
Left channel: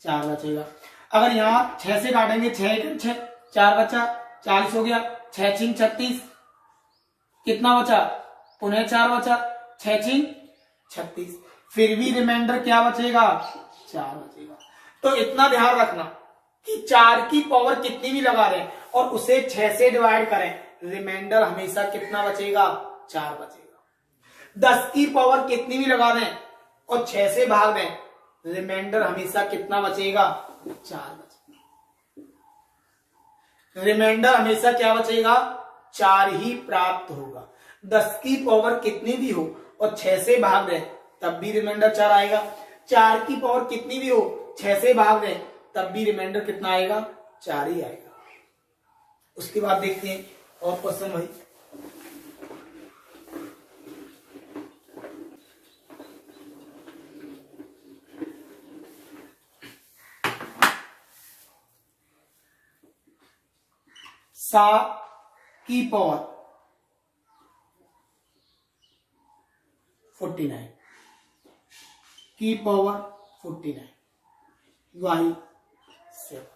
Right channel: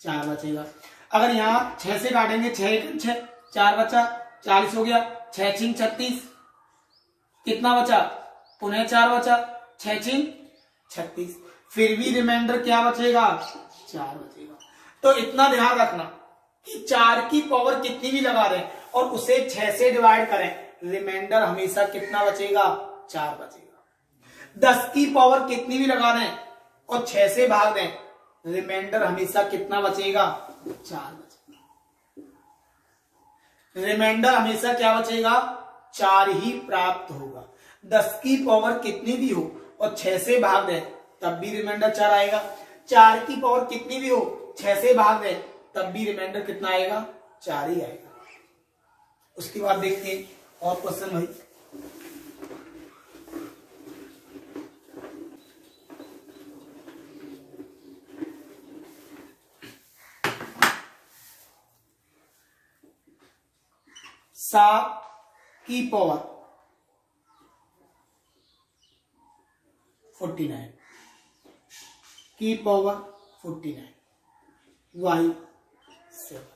4 बचेगा। अगर यहाँ 6 से काटेंगे 6 एकम 6 4 बचा 40 हो गया, 6 छिंग 36 कितना बचा, पुनः 4 बचा, 6 छिंग 36 फिर भी रिमाइंडर क्या बचेगा, 4 बचेगा। तो इतना ध्यान रखना कि 4 की पावर कितनी भी लगा रहे और उसे 6 से डिवाइड करें, रिमाइंडर हमेशा कितना बचेगा, 4 बचेगा। 10 की पावर कितनी भी लगा दें और 6 से भाग दें, रिमाइंडर हमेशा कितना बचेगा, 4 बचेगा। रिमाइंडर हमेशा क्या बचेगा, 4 ही प्राप्त होगा। 10 की पावर कितनी भी हो और 6 से भाग दें तब भी रिमाइंडर 4 आएगा। 4 की पावर कितनी भी हो 6 से भाग दें तब भी रिमाइंडर कितना आएगा, 4 ही आएगा। उसके बाद देखते हैं और क्वेश्चन भाई, सात की पावर 49 की पावर 49 y 7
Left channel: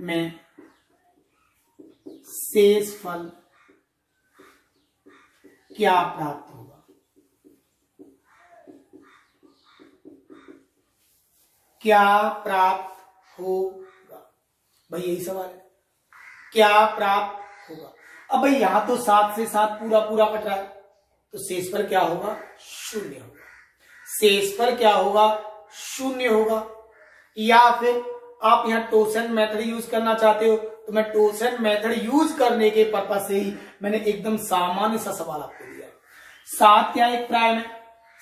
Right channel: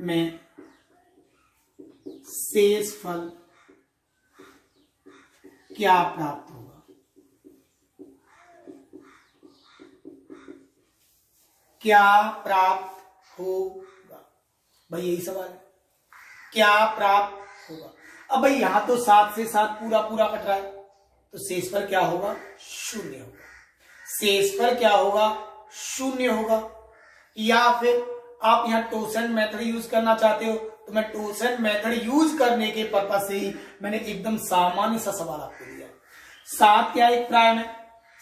में शेषफल क्या प्राप्त होगा। क्या प्राप्त होगा, भाई यही सवाल है, क्या प्राप्त होगा। अब भाई यहां तो 7 से 7 पूरा पूरा कट रहा है तो शेषफल क्या होगा, 0 होगा। शेषफल क्या होगा, 0 होगा। या फिर आप यहाँ टोसेंट मेथड यूज करना चाहते हो तो मैं टोसेंट मेथड यूज करने के पर्पज से ही मैंने एकदम सामान्य सा सवाल आपको दिया है। 7 क्या एक प्राइम है,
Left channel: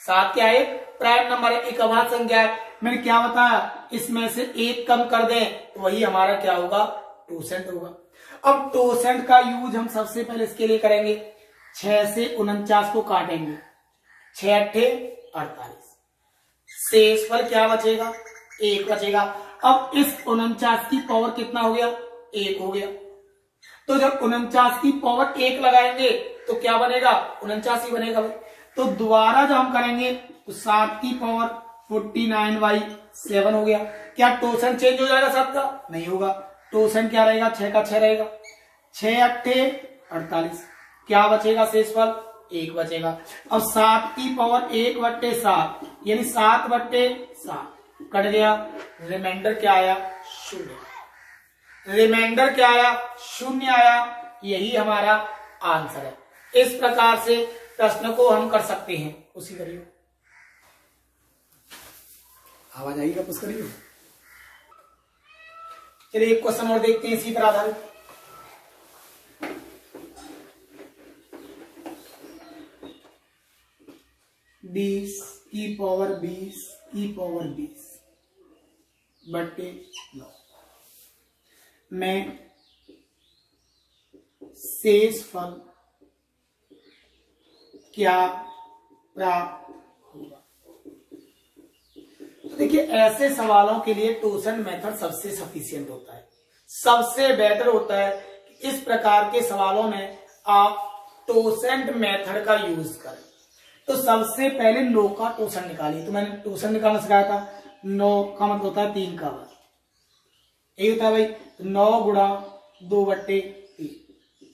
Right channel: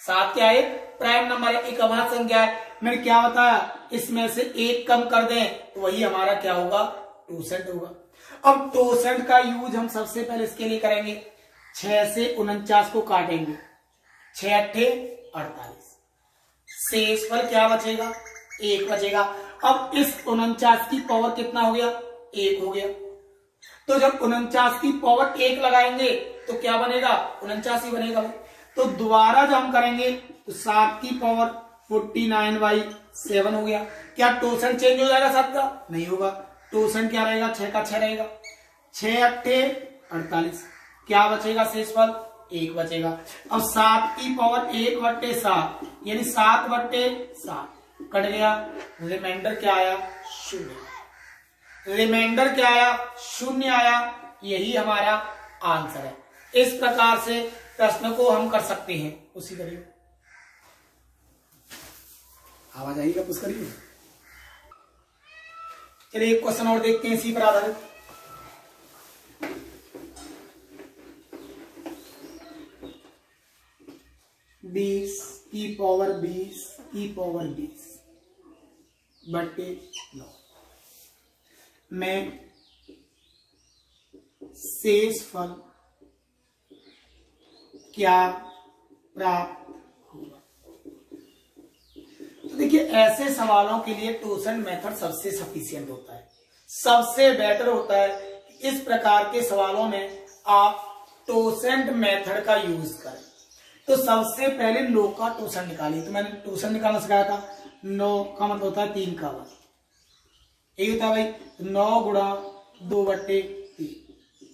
7 क्या एक प्राइम नंबर है, एक अभाज्य संख्या है। मैंने क्या बताया, इसमें से एक कम कर दें तो वही हमारा क्या होगा, टोसेंट होगा। अब टोसेंट का यूज हम सबसे पहले इसके लिए करेंगे, 6 से 49 को काटेंगे, 6 अट्ठे 48, शेषफल क्या बचेगा, 1 बचेगा। अब इस 49 की पावर कितना हो गया, 1 हो गया। तो जब 49 की पावर 1 लगाएंगे तो क्या बनेगा, 49 ही बनेगा भाई। तो दोबारा जब हम करेंगे तो 7 की पावर 49/7 हो गया। क्या टोसेंट चेंज हो जाएगा 7 का, नहीं होगा। टोसेंट क्या रहेगा, 6 का 6 रहेगा, 6 अट्ठे 48, क्या बचेगा, शेषफल 1 बचेगा। अब 7 की पावर 1/7 यानी 7/7 कट गया, रिमाइंडर क्या आया, 0। रिमाइंडर क्या आया, 0 आया। यही हमारा आंसर है। इस प्रकार से प्रश्न को हम कर सकते हैं। उसी करिए, आवाज आएगी पुश करिए। चलिए एक क्वेश्चन और देखते हैं इसी पर आधारित। बीस की पावर 20 बटे 9 में शेष फल क्या प्राप्त होगा। तो देखिए, ऐसे सवालों के लिए टोसेंट मेथड सबसे सफिशिएंट होता है, सबसे बेटर होता है। इस प्रकार के सवालों में आप टोसेंट मेथड का यूज करें। तो सबसे पहले 9 का टोसेंट निकालिए। तो मैंने टोसेंट निकालना सिखाया था। 9 का मतलब होता है 3 का वर्ग, यही होता है भाई। 9 गुणा 2 बट्टे 3,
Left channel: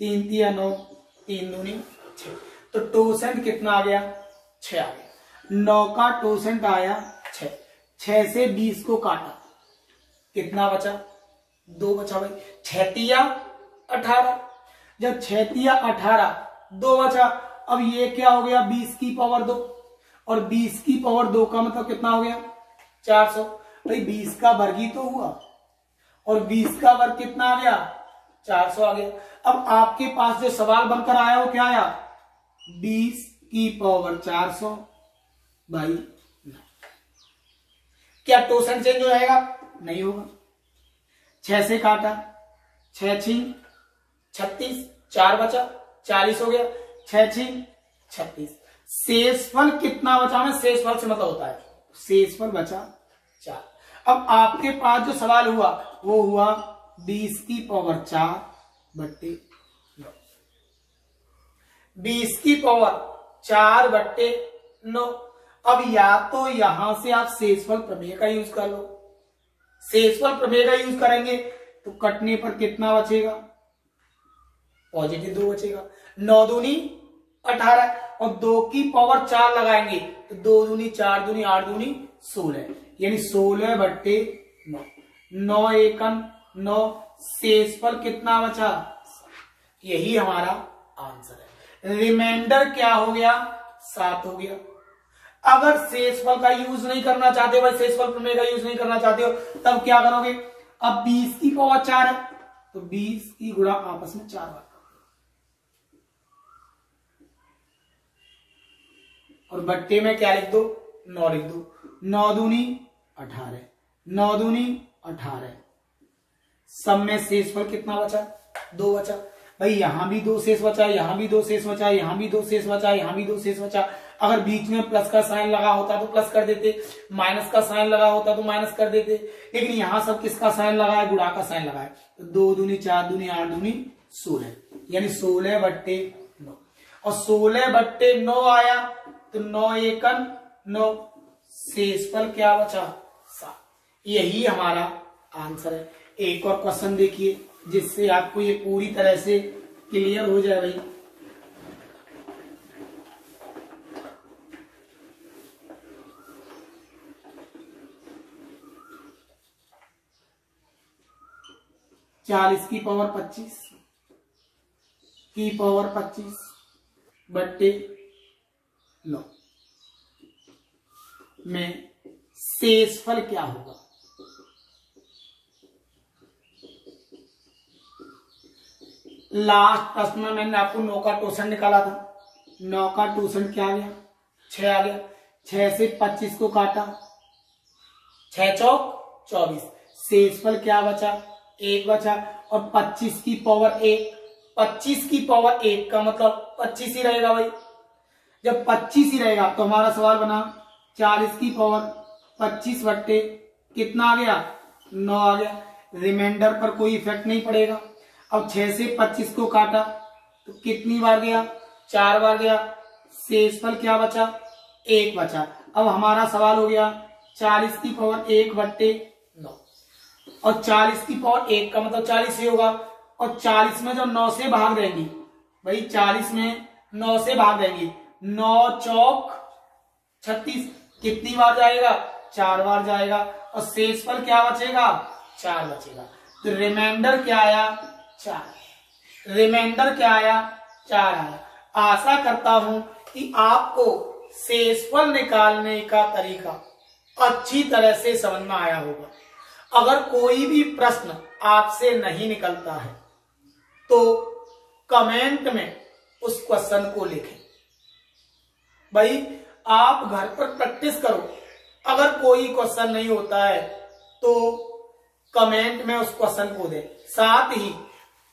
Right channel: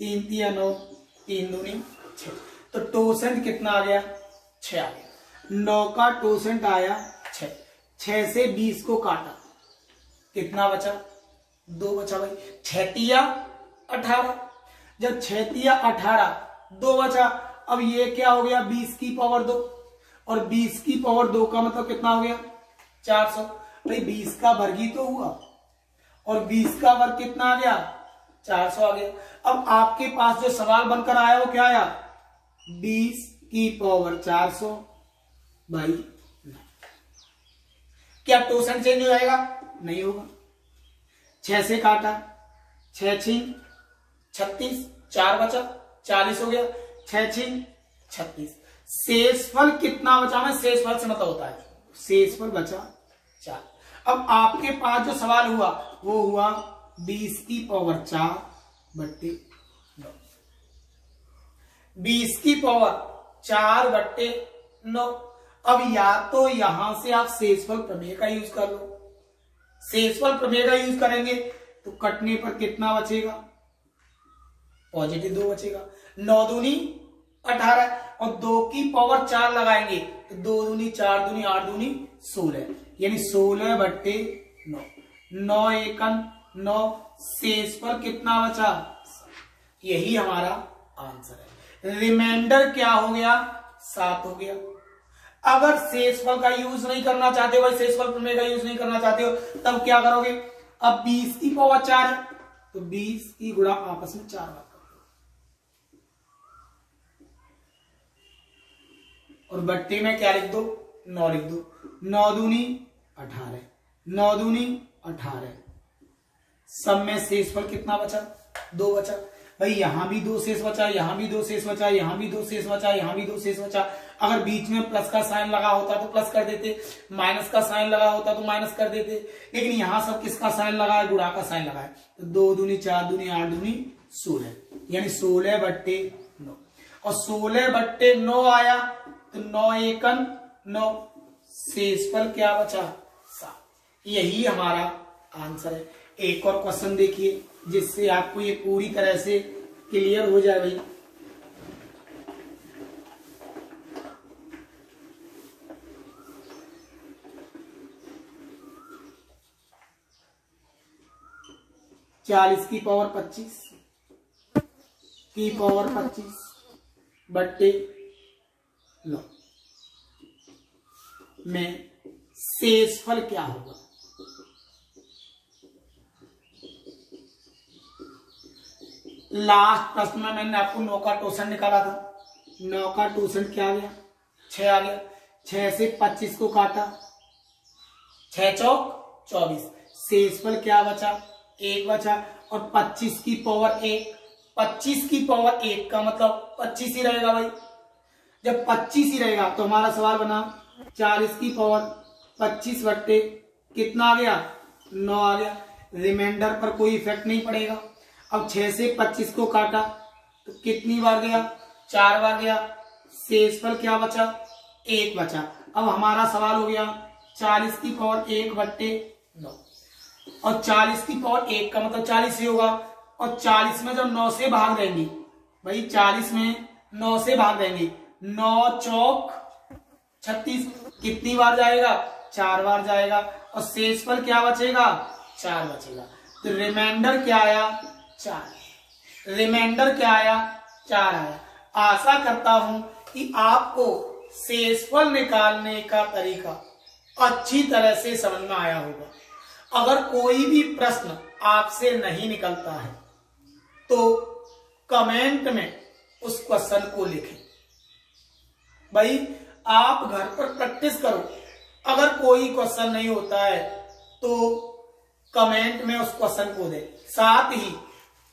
3 या 9, 3 दूनी 6। तो टोसेंट कितना आ गया? 6 आ गया। 9 का टोसेंट आया 6। 6 से 20 को काटा, कितना बचा? 2 बचा भाई। 6 तिया 18। जब 6 तिया 18, 2 बचा। अब ये क्या हो गया? 20 की पावर 2, और 20 की पावर 2 का मतलब कितना हो गया? 400। भाई 20 का वर्ग ही तो हुआ, और 20 का वर्ग कितना आ गया? 400 आ गया। अब आपके पास जो सवाल बनकर आया वो क्या आया? 20 की पावर 400 भाई 9। क्या टोसेंट चेंज हो जाएगा? नहीं होगा। 6 से काटा, 6 छिंग 36, 4 बचा, 40 हो गया। 6 छिंग 36। शेषफल कितना बचा? में शेषफल से मतलब होता है शेषफल बचा 4। अब आपके पास जो सवाल हुआ वो हुआ 20 की पावर 4 बट्टे 9। 20 की पावर 4 बट्टे 9। अब या तो यहां से आप शेषफल प्रमेय का यूज कर लो। शेषफल प्रमेय का यूज करेंगे तो कटने पर कितना बचेगा? पॉजिटिव 2 बचेगा। 9 दूनी 18, और 2 की पावर 4 लगाएंगे तो 2 दूनी 4 दूनी 8 दूनी 16, यानी 16 बट्टे 9। 9 एकम 9। शेषफल कितना बचा? यही हमारा आंसर है। रिमाइंडर क्या हो गया? 7 हो गया। अगर शेषफल का यूज नहीं करना चाहते हो, शेषफल प्रमेय का यूज नहीं करना चाहते हो, तब क्या करोगे? अब 20 की पावर 4 है तो 20 की गुणा आपस में 4 बार, और बट्टे में क्या लिख दो? 9 लिख दो। 9 दूनी 18, 9 दूनी 18। सब में शेषफल कितना बचा? 2 बचा। भाई यहां भी 2 शेष बचा, यहां भी 2 शेष बचा, यहां भी 2 शेष बचा, यहां भी 2 शेष बचा। अगर बीच में प्लस का साइन लगा होता तो प्लस कर देते, माइनस का साइन लगा होता तो माइनस कर देते, लेकिन यहां सब किसका साइन लगा है? गुणा का साइन लगा है। तो 2 दूनी 4 दूनी 8 दूनी 16, यानी 16 बट्टे 9। और 16 बट्टे 9 आया तो 9 एकन 9। शेषफल क्या बचा? 7। यही हमारा आंसर है। एक और क्वेश्चन देखिए जिससे आपको ये पूरी तरह से क्लियर हो जाए भाई। चालीस की पावर 25 की पावर 25 बट्टे 9 में शेषफल क्या होगा? लास्ट प्रश्न में मैंने आपको 9 का टोसेंट निकाला था। 9 का टोसेंट क्या आ गया? 6 आ गया। 6 से 25 को काटा, 6 चौक 24। शेषफल क्या बचा? 1 बचा। और 25 की पावर 1, 25 की पावर 1 का मतलब 25 ही रहेगा भाई। जब 25 ही रहेगा तो हमारा सवाल बना 40 की पावर 25 बट्टे कितना आ गया? 9 आ गया। रिमाइंडर पर कोई इफेक्ट नहीं पड़ेगा। अब 6 से 25 को काटा तो कितनी बार गया? 4 बार गया। शेषफल क्या बचा? 1 बचा। अब हमारा सवाल हो गया 40 की पावर 1 बट्टे 9, और 40 की पावर 1 का मतलब 40 ही होगा। और 40 में जब 9 से भाग देंगे भाई, 40 में 9 से भाग देंगे, 9 चौक 36, कितनी बार जाएगा? 4 बार जाएगा। और शेषफल क्या बचेगा? 4 बचेगा। तो रिमाइंडर क्या आया? 4। रिमाइंडर क्या आया? 4 आया। आशा करता हूं कि आपको शेषफल निकालने का तरीका अच्छी तरह से समझ में आया होगा। अगर कोई भी प्रश्न आपसे नहीं निकलता है तो कमेंट में उस क्वेश्चन को लिखें। भाई आप घर पर प्रैक्टिस करो, अगर कोई क्वेश्चन नहीं होता है तो कमेंट में उस क्वेश्चन को दें। साथ ही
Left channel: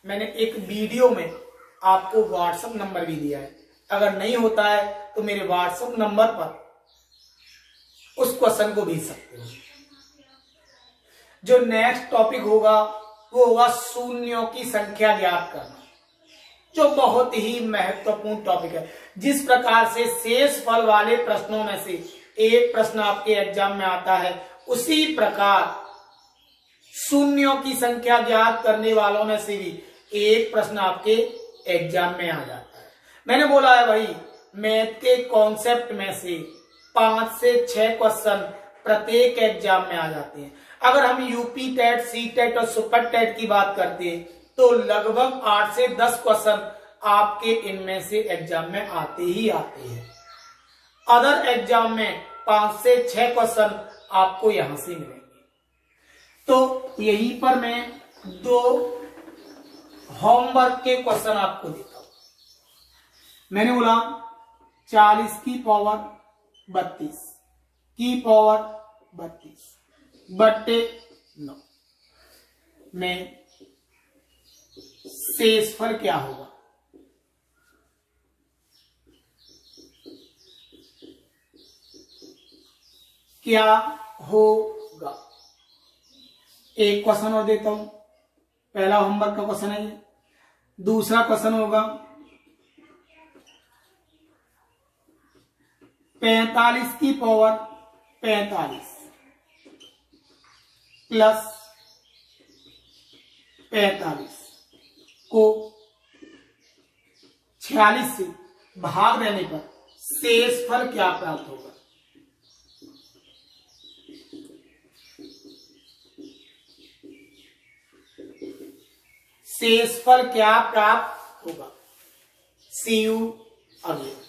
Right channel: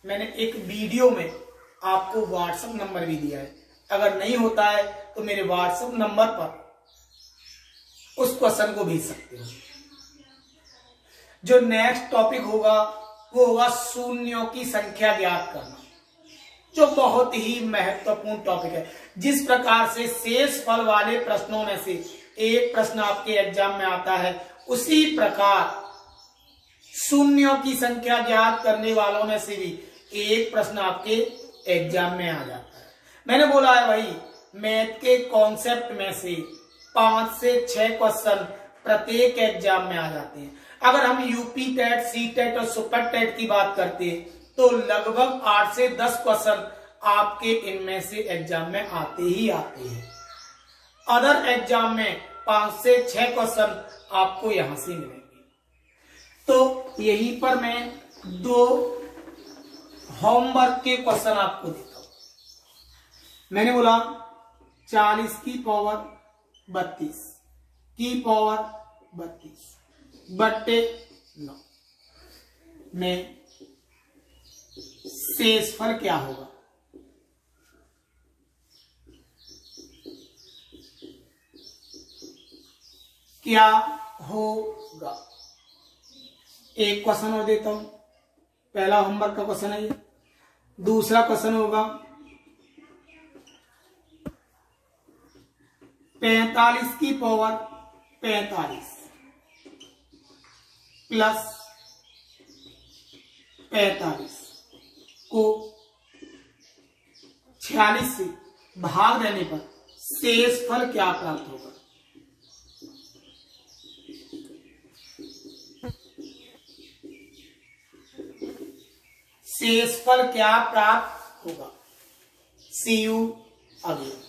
मैंने एक वीडियो में आपको व्हाट्सएप नंबर भी दिया है, अगर नहीं होता है तो मेरे व्हाट्सएप नंबर पर उस क्वेश्चन को भेज सकते हो। जो नेक्स्ट टॉपिक होगा वो होगा शून्यों की संख्या ज्ञात करना, जो बहुत ही महत्वपूर्ण टॉपिक है। जिस प्रकार से शेषफल वाले प्रश्नों में से एक प्रश्न आपके एग्जाम में आता है, उसी प्रकार शून्यों की संख्या ज्ञात करने वालों में से भी एक प्रश्न आपके एग्जाम में आ जाता है। मैंने बोला है भाई, मैथ के कॉन्सेप्ट में से 5 से 6 क्वेश्चन प्रत्येक एग्जाम में आ जाते हैं। अगर हम यूपी टेट, सी टेट और सुपर टेट की बात करते हैं तो लगभग 8 से 10 क्वेश्चन आपके इनमें से एग्जाम में आते ही आते हैं। अदर एग्जाम में 5 से 6 क्वेश्चन आपको यहां से मिलेंगे। तो यहीं पर मैं 2 होमवर्क के क्वेश्चन आपको देता हूं। मैंने बोला 40 की पावर 32 की पावर 32 बट्टे 9 में शेषफल क्या होगा। क्या होगा? एक क्वेश्चन और देता हूं, पहला होमवर्क का क्वेश्चन है ये। दूसरा क्वेश्चन होगा 45 की पावर 45 प्लस 45 को 46 से भाग देने पर शेषफल क्या प्राप्त होगा। शेषफल क्या प्राप्त होगा। सी यू अगेन।